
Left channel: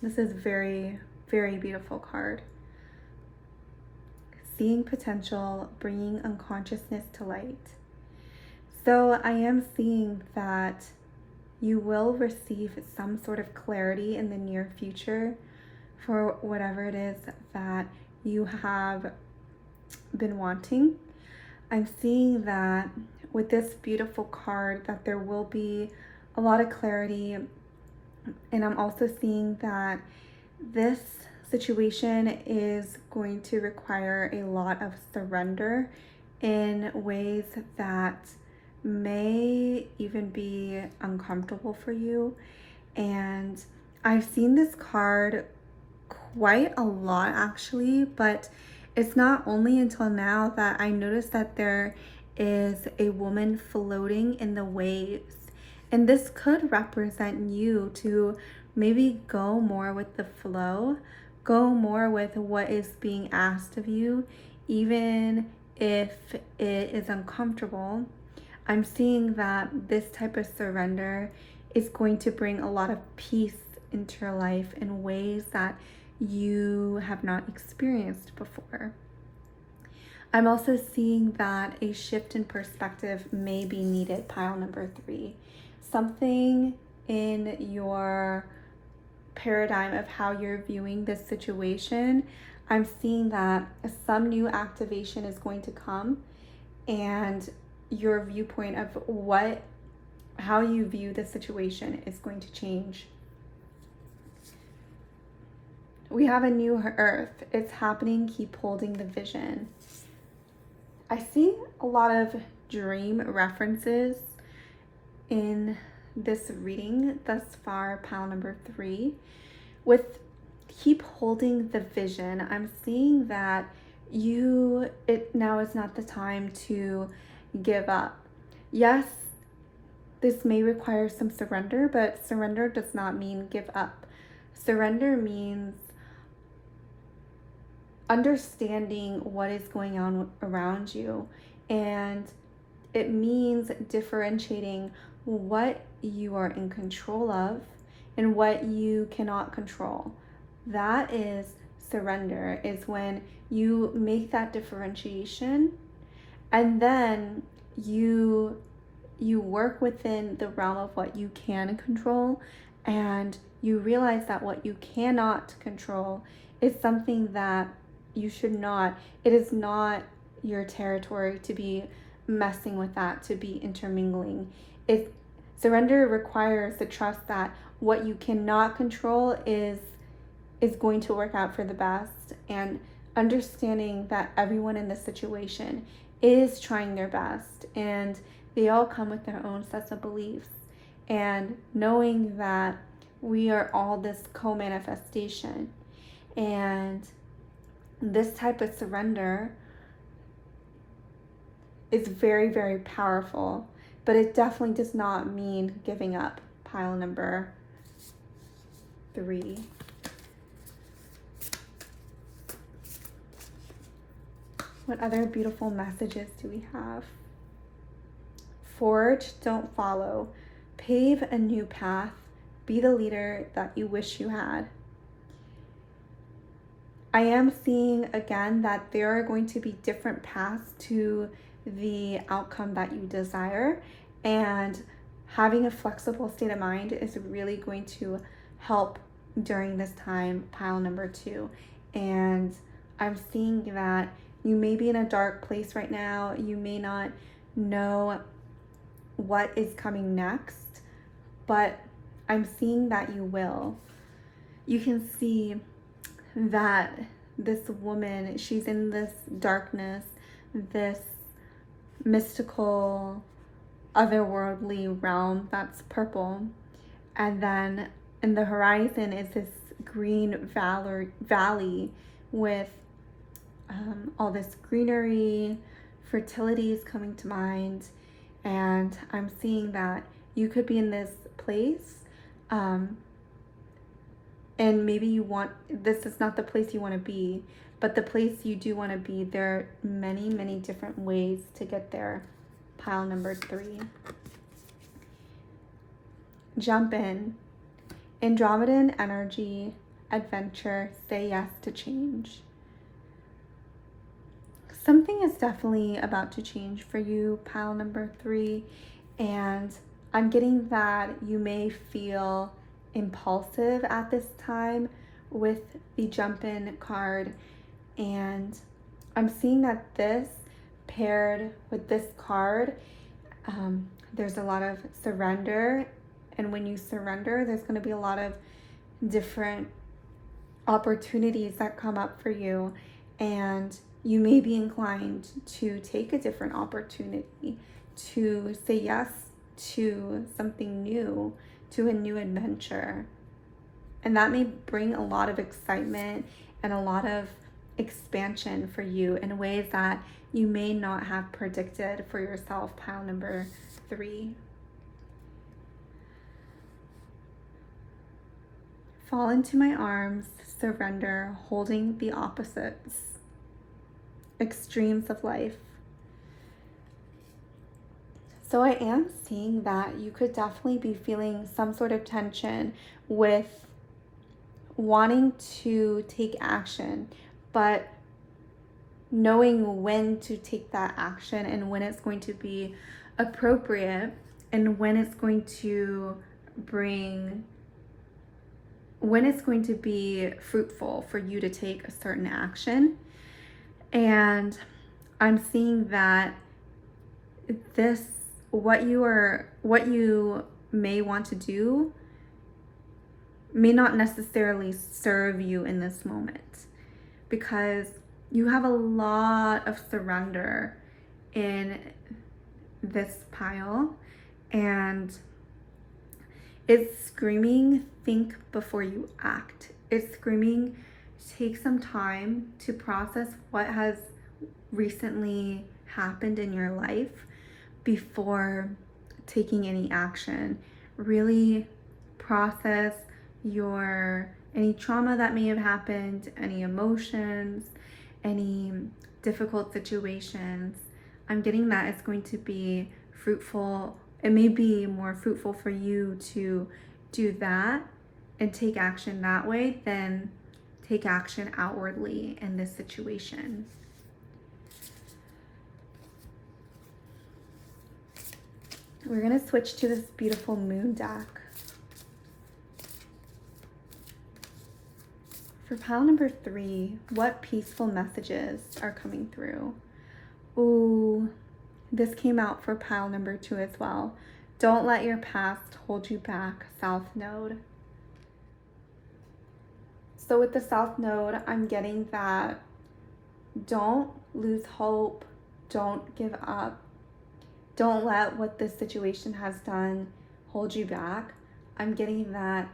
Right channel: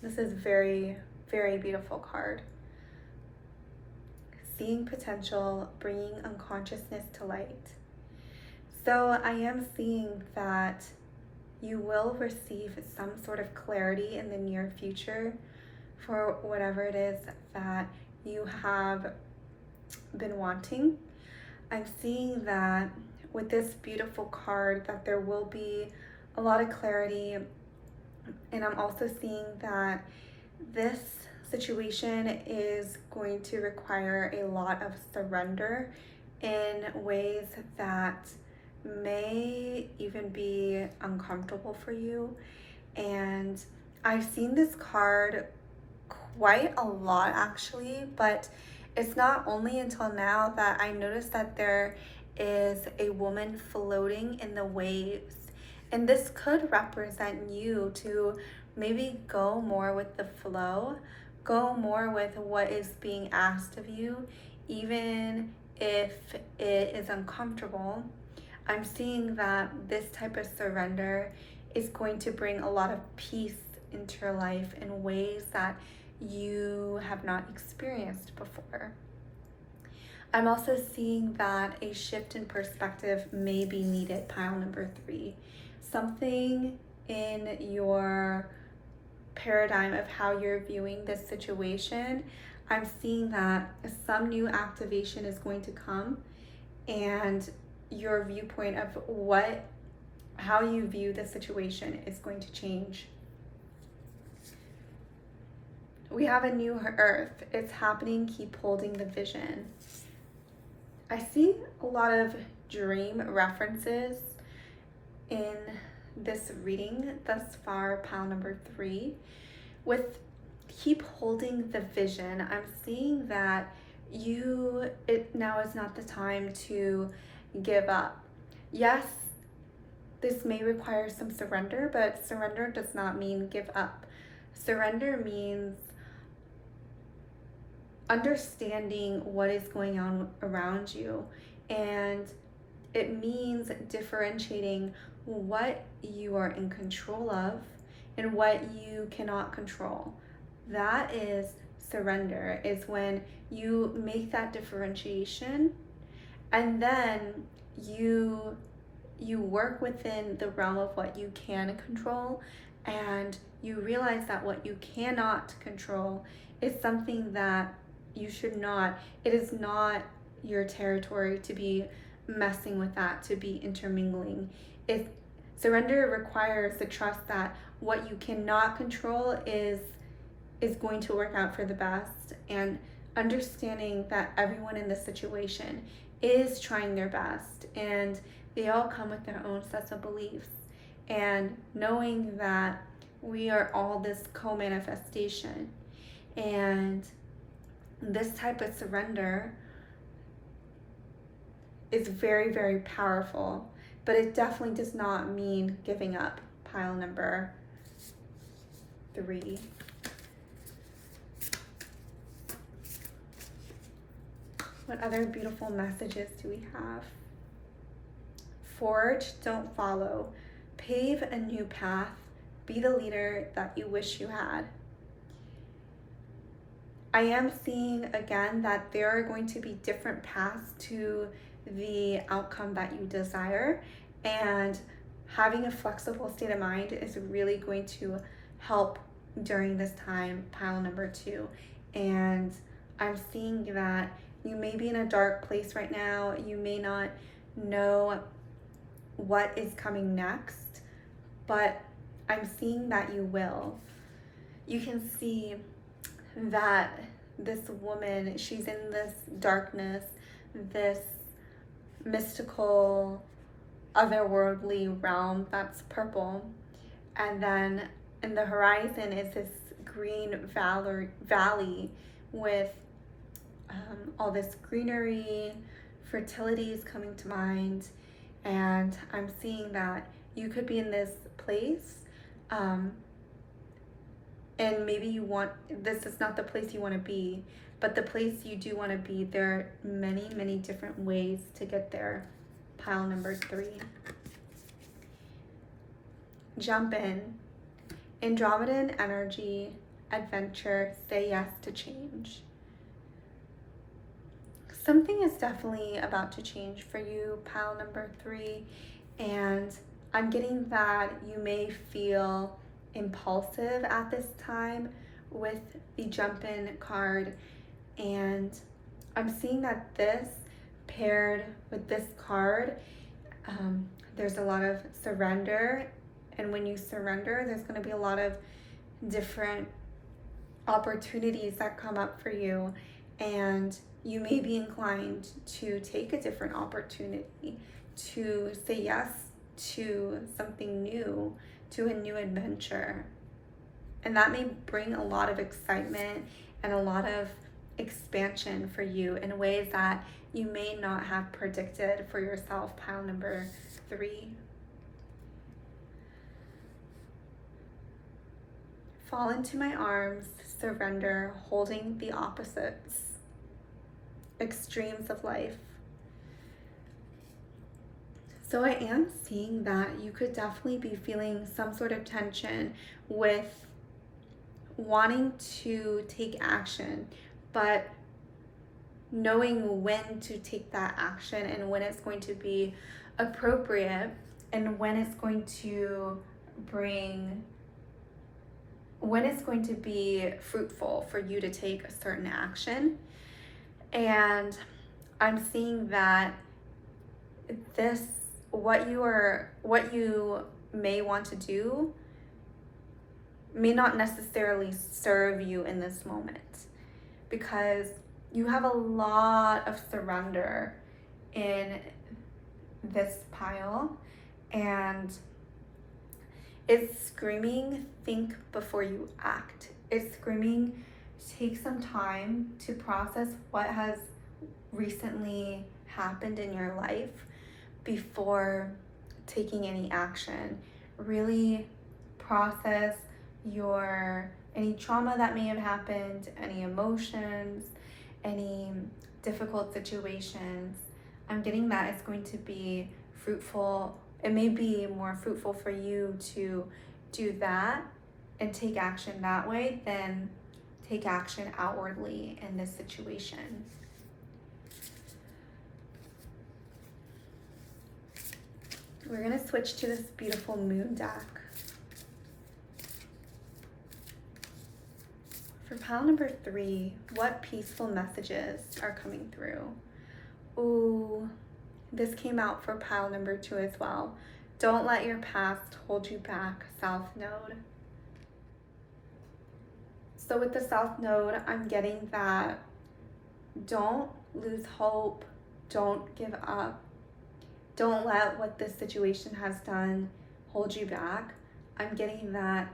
This is very, very beautiful card. Seeing potential, bringing unconsciousness to light. So I am seeing that you will receive some sort of clarity in the near future for whatever it is that you have been wanting. I'm seeing that with this beautiful card that there will be a lot of clarity, and I'm also seeing that this situation is going to require a lot of surrender in ways that may even be uncomfortable for you. And I've seen this card quite a lot actually, but it's not only until now that I noticed that there is a woman floating in the waves. And this could represent you to maybe go more with the flow, go more with what is being asked of you, even if it is uncomfortable. I'm seeing that this type of surrender is going to bring a lot of peace into your life in ways that you have not experienced before. I'm also seeing that a shift in perspective may be needed, pile number 3. Something in your paradigm of how you're viewing this situation, I'm seeing that some new activation is going to come, and your viewpoint of how you view the situation is going to change. We have a new earth. It's happening. Keep holding the vision. I see a lot of dream references in this reading thus far, pile number 3. With keep holding the vision, I'm seeing that now is not the time to give up. Yes, this may require some surrender, but surrender does not mean give up. Surrender means understanding what is going on around you, and it means differentiating what you are in control of and what you cannot control. That is surrender, is when you make that differentiation, and then you work within the realm of what you can control, and you realize that what you cannot control is something that you should not, it is not your territory to be messing with that, to be intermingling. Surrender requires the trust that what you cannot control is going to work out for the best, and understanding that everyone in this situation is trying their best, and they all come with their own sets of beliefs, and knowing that we are all this co-manifestation. And this type of surrender is very, very powerful, but it definitely does not mean giving up, pile number 3. What other beautiful messages do we have? Forge, don't follow. Pave a new path. Be the leader that you wish you had. I am seeing again that there are going to be different paths to the outcome that you desire, and having a flexible state of mind is really going to help during this time, pile number 2. And I'm seeing that You may be in a dark place right now. You may not know what is coming next, but I'm seeing that you will. You can see that this woman, she's in this darkness, this mystical, otherworldly realm that's purple. And then in the horizon is this green valley with all this greenery. Fertility is coming to mind. And I'm seeing that you could be in this place, and maybe you want, this is not the place you want to be, but the place you do want to be, there are many, many different ways to get there. Pile number 3. Jump in. Andromedan energy, adventure, say yes to change. Something is definitely about to change for you, pile number 3, and I'm getting that you may feel impulsive at this time with the jump in card, and I'm seeing that this paired with this card, there's a lot of surrender, and when you surrender, there's going to be a lot of different opportunities that come up for you, and you may be inclined to take a different opportunity, to say yes to something new, to a new adventure. And that may bring a lot of excitement and a lot of expansion for you in ways that you may not have predicted for yourself, pile number 3. Fall into my arms, surrender, holding the opposites. Extremes of life. So I am seeing that you could definitely be feeling some sort of tension with wanting to take action, but knowing when to take that action and when it's going to be appropriate and when it's going to be fruitful for you to take a certain action. And I'm seeing that what you may want to do may not necessarily serve you in this moment, because you have a lot of surrender in this pile, and it's screaming, think before you act. It's screaming, take some time to process what has recently happened in your life before taking any action. Really process any trauma that may have happened, any emotions, any difficult situations. I'm getting that it's going to be fruitful. It may be more fruitful for you to do that and take action that way than take action outwardly in this situation. We're going to switch to this beautiful moon deck. For pile number 3, what peaceful messages are coming through? Ooh, this came out for pile number 2 as well. Don't let your past hold you back, South Node. So with the South Node, I'm getting that don't lose hope, don't give up, don't let what this situation has done hold you back. I'm getting that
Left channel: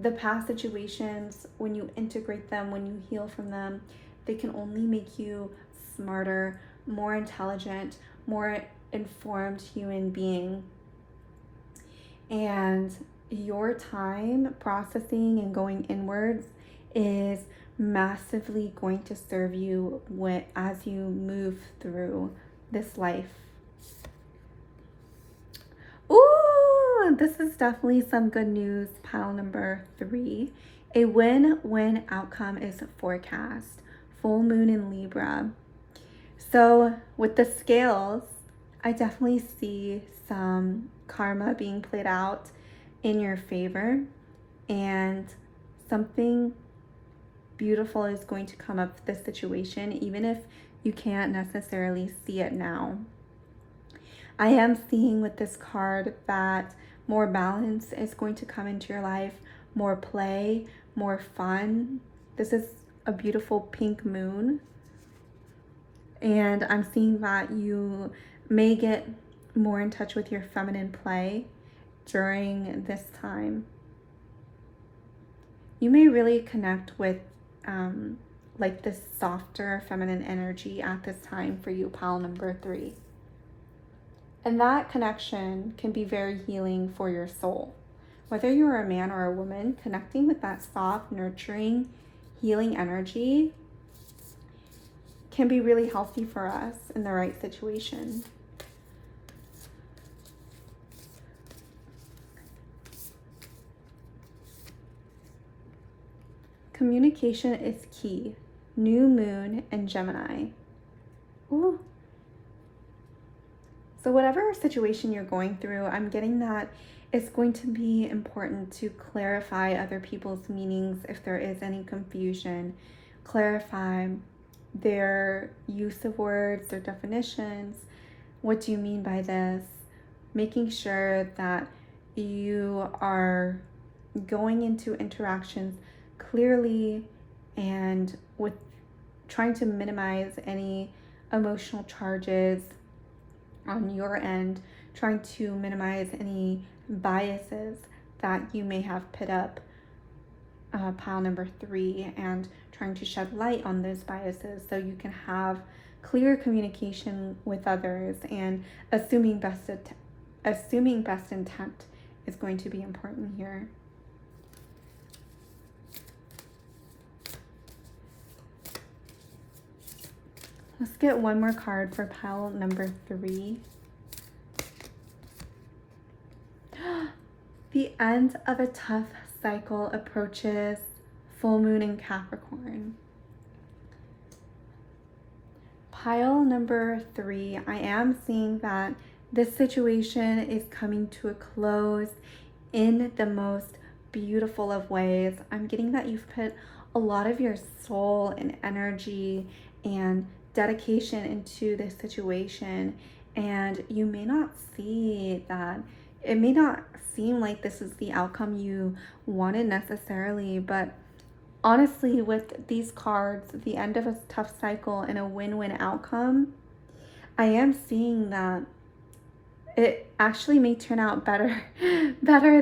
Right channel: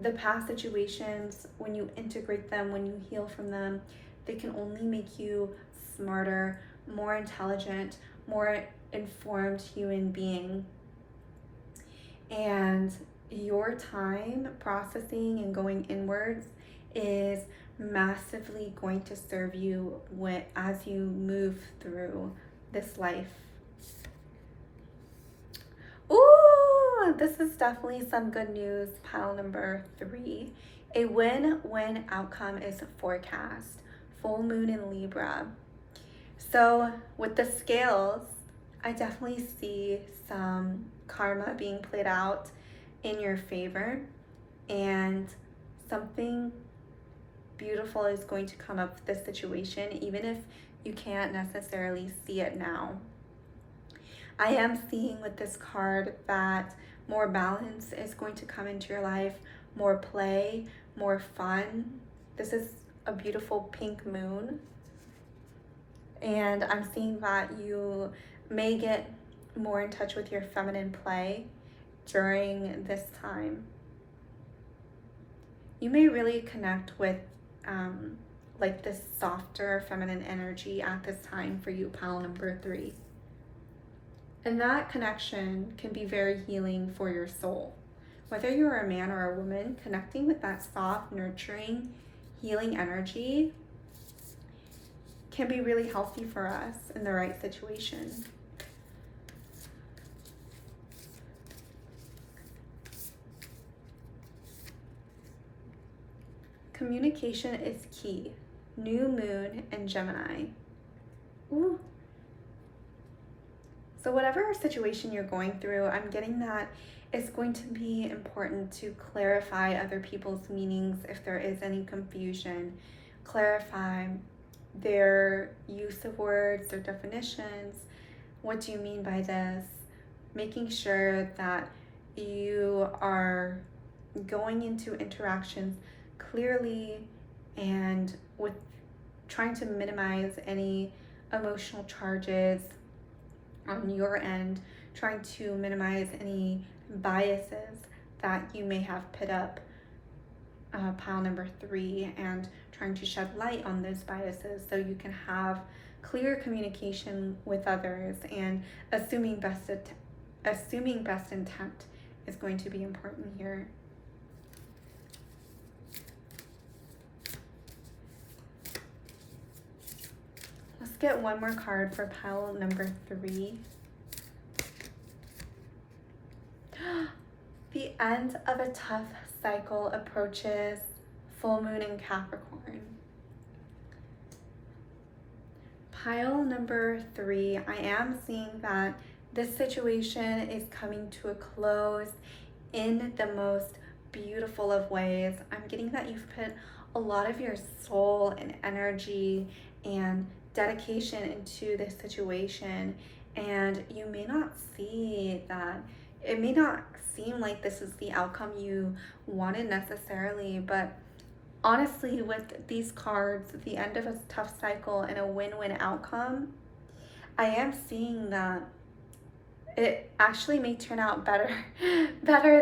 the past situations, when you integrate them, when you heal from them, they can only make you smarter, more intelligent, more informed human being. And your time processing and going inwards is massively going to serve you as you move through this life. Ooh, this is definitely some good news, pile number 3. A win-win outcome is forecast. Full moon in Libra. So with the scales, I definitely see some karma being played out in your favor, and something beautiful is going to come up with this situation, even if you can't necessarily see it now. I am seeing with this card that more balance is going to come into your life, more play, more fun. This is a beautiful pink moon. And I'm seeing that you may get more in touch with your feminine play during this time. You may really connect with like this softer feminine energy at this time for you, pile number 3. And that connection can be very healing for your soul. Whether you're a man or a woman, connecting with that soft, nurturing, healing energy can be really healthy for us in the right situation. Communication is key. New moon and Gemini. Ooh. So whatever situation you're going through, I'm getting that it's going to be important to clarify other people's meanings if there is any confusion. Clarify their use of words, their definitions. What do you mean by this? Making sure that you are going into interactions clearly and with trying to minimize any emotional charges on your end, trying to minimize any biases that you may have put up, pile number 3, and trying to shed light on those biases so you can have clear communication with others, and assuming best intent is going to be important here. Let's get one more card for pile number 3. The end of a tough cycle approaches. Full moon in Capricorn. Pile number 3, I am seeing that this situation is coming to a close in the most beautiful of ways. I'm getting that you've put a lot of your soul and energy and dedication into this situation, and you may not see that. It may not seem like this is the outcome you wanted necessarily, but honestly, with these cards, the end of a tough cycle and a win-win outcome, I am seeing that it actually may turn out better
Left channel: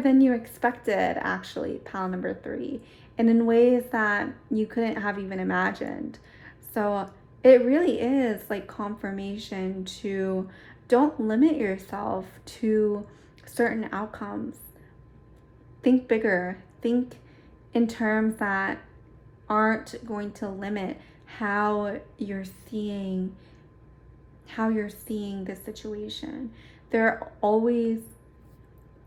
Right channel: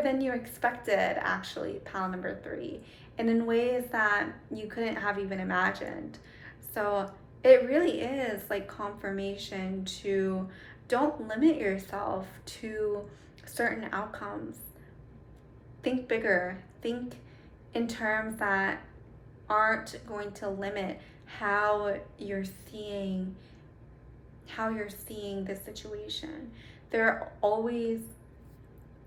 than you expected, actually, pile number 3, and in ways that you couldn't have even imagined. So it really is like confirmation to don't limit yourself to certain outcomes. Think bigger. Think in terms that aren't going to limit how you're seeing this situation. There are always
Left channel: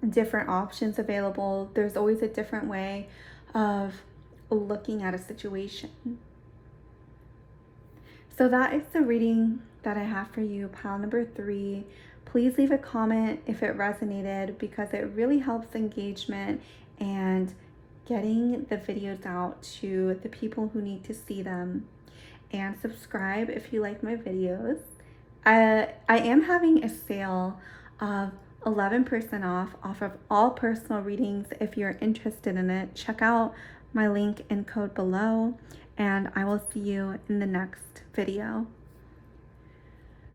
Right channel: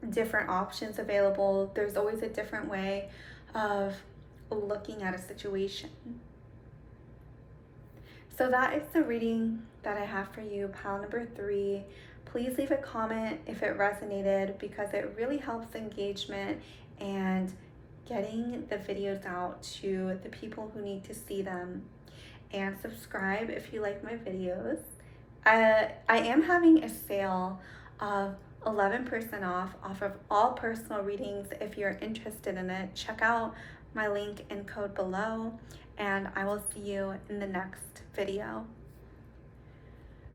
different options available. There's always a different way of looking at a situation. So that is the reading that I have for you, pile number 3. Please leave a comment if it resonated, because it really helps engagement and getting the videos out to the people who need to see them. And subscribe if you like my videos. I am having a sale of 11% off of all personal readings. If you're interested in it, check out my link and code below, and I will see you in the next video.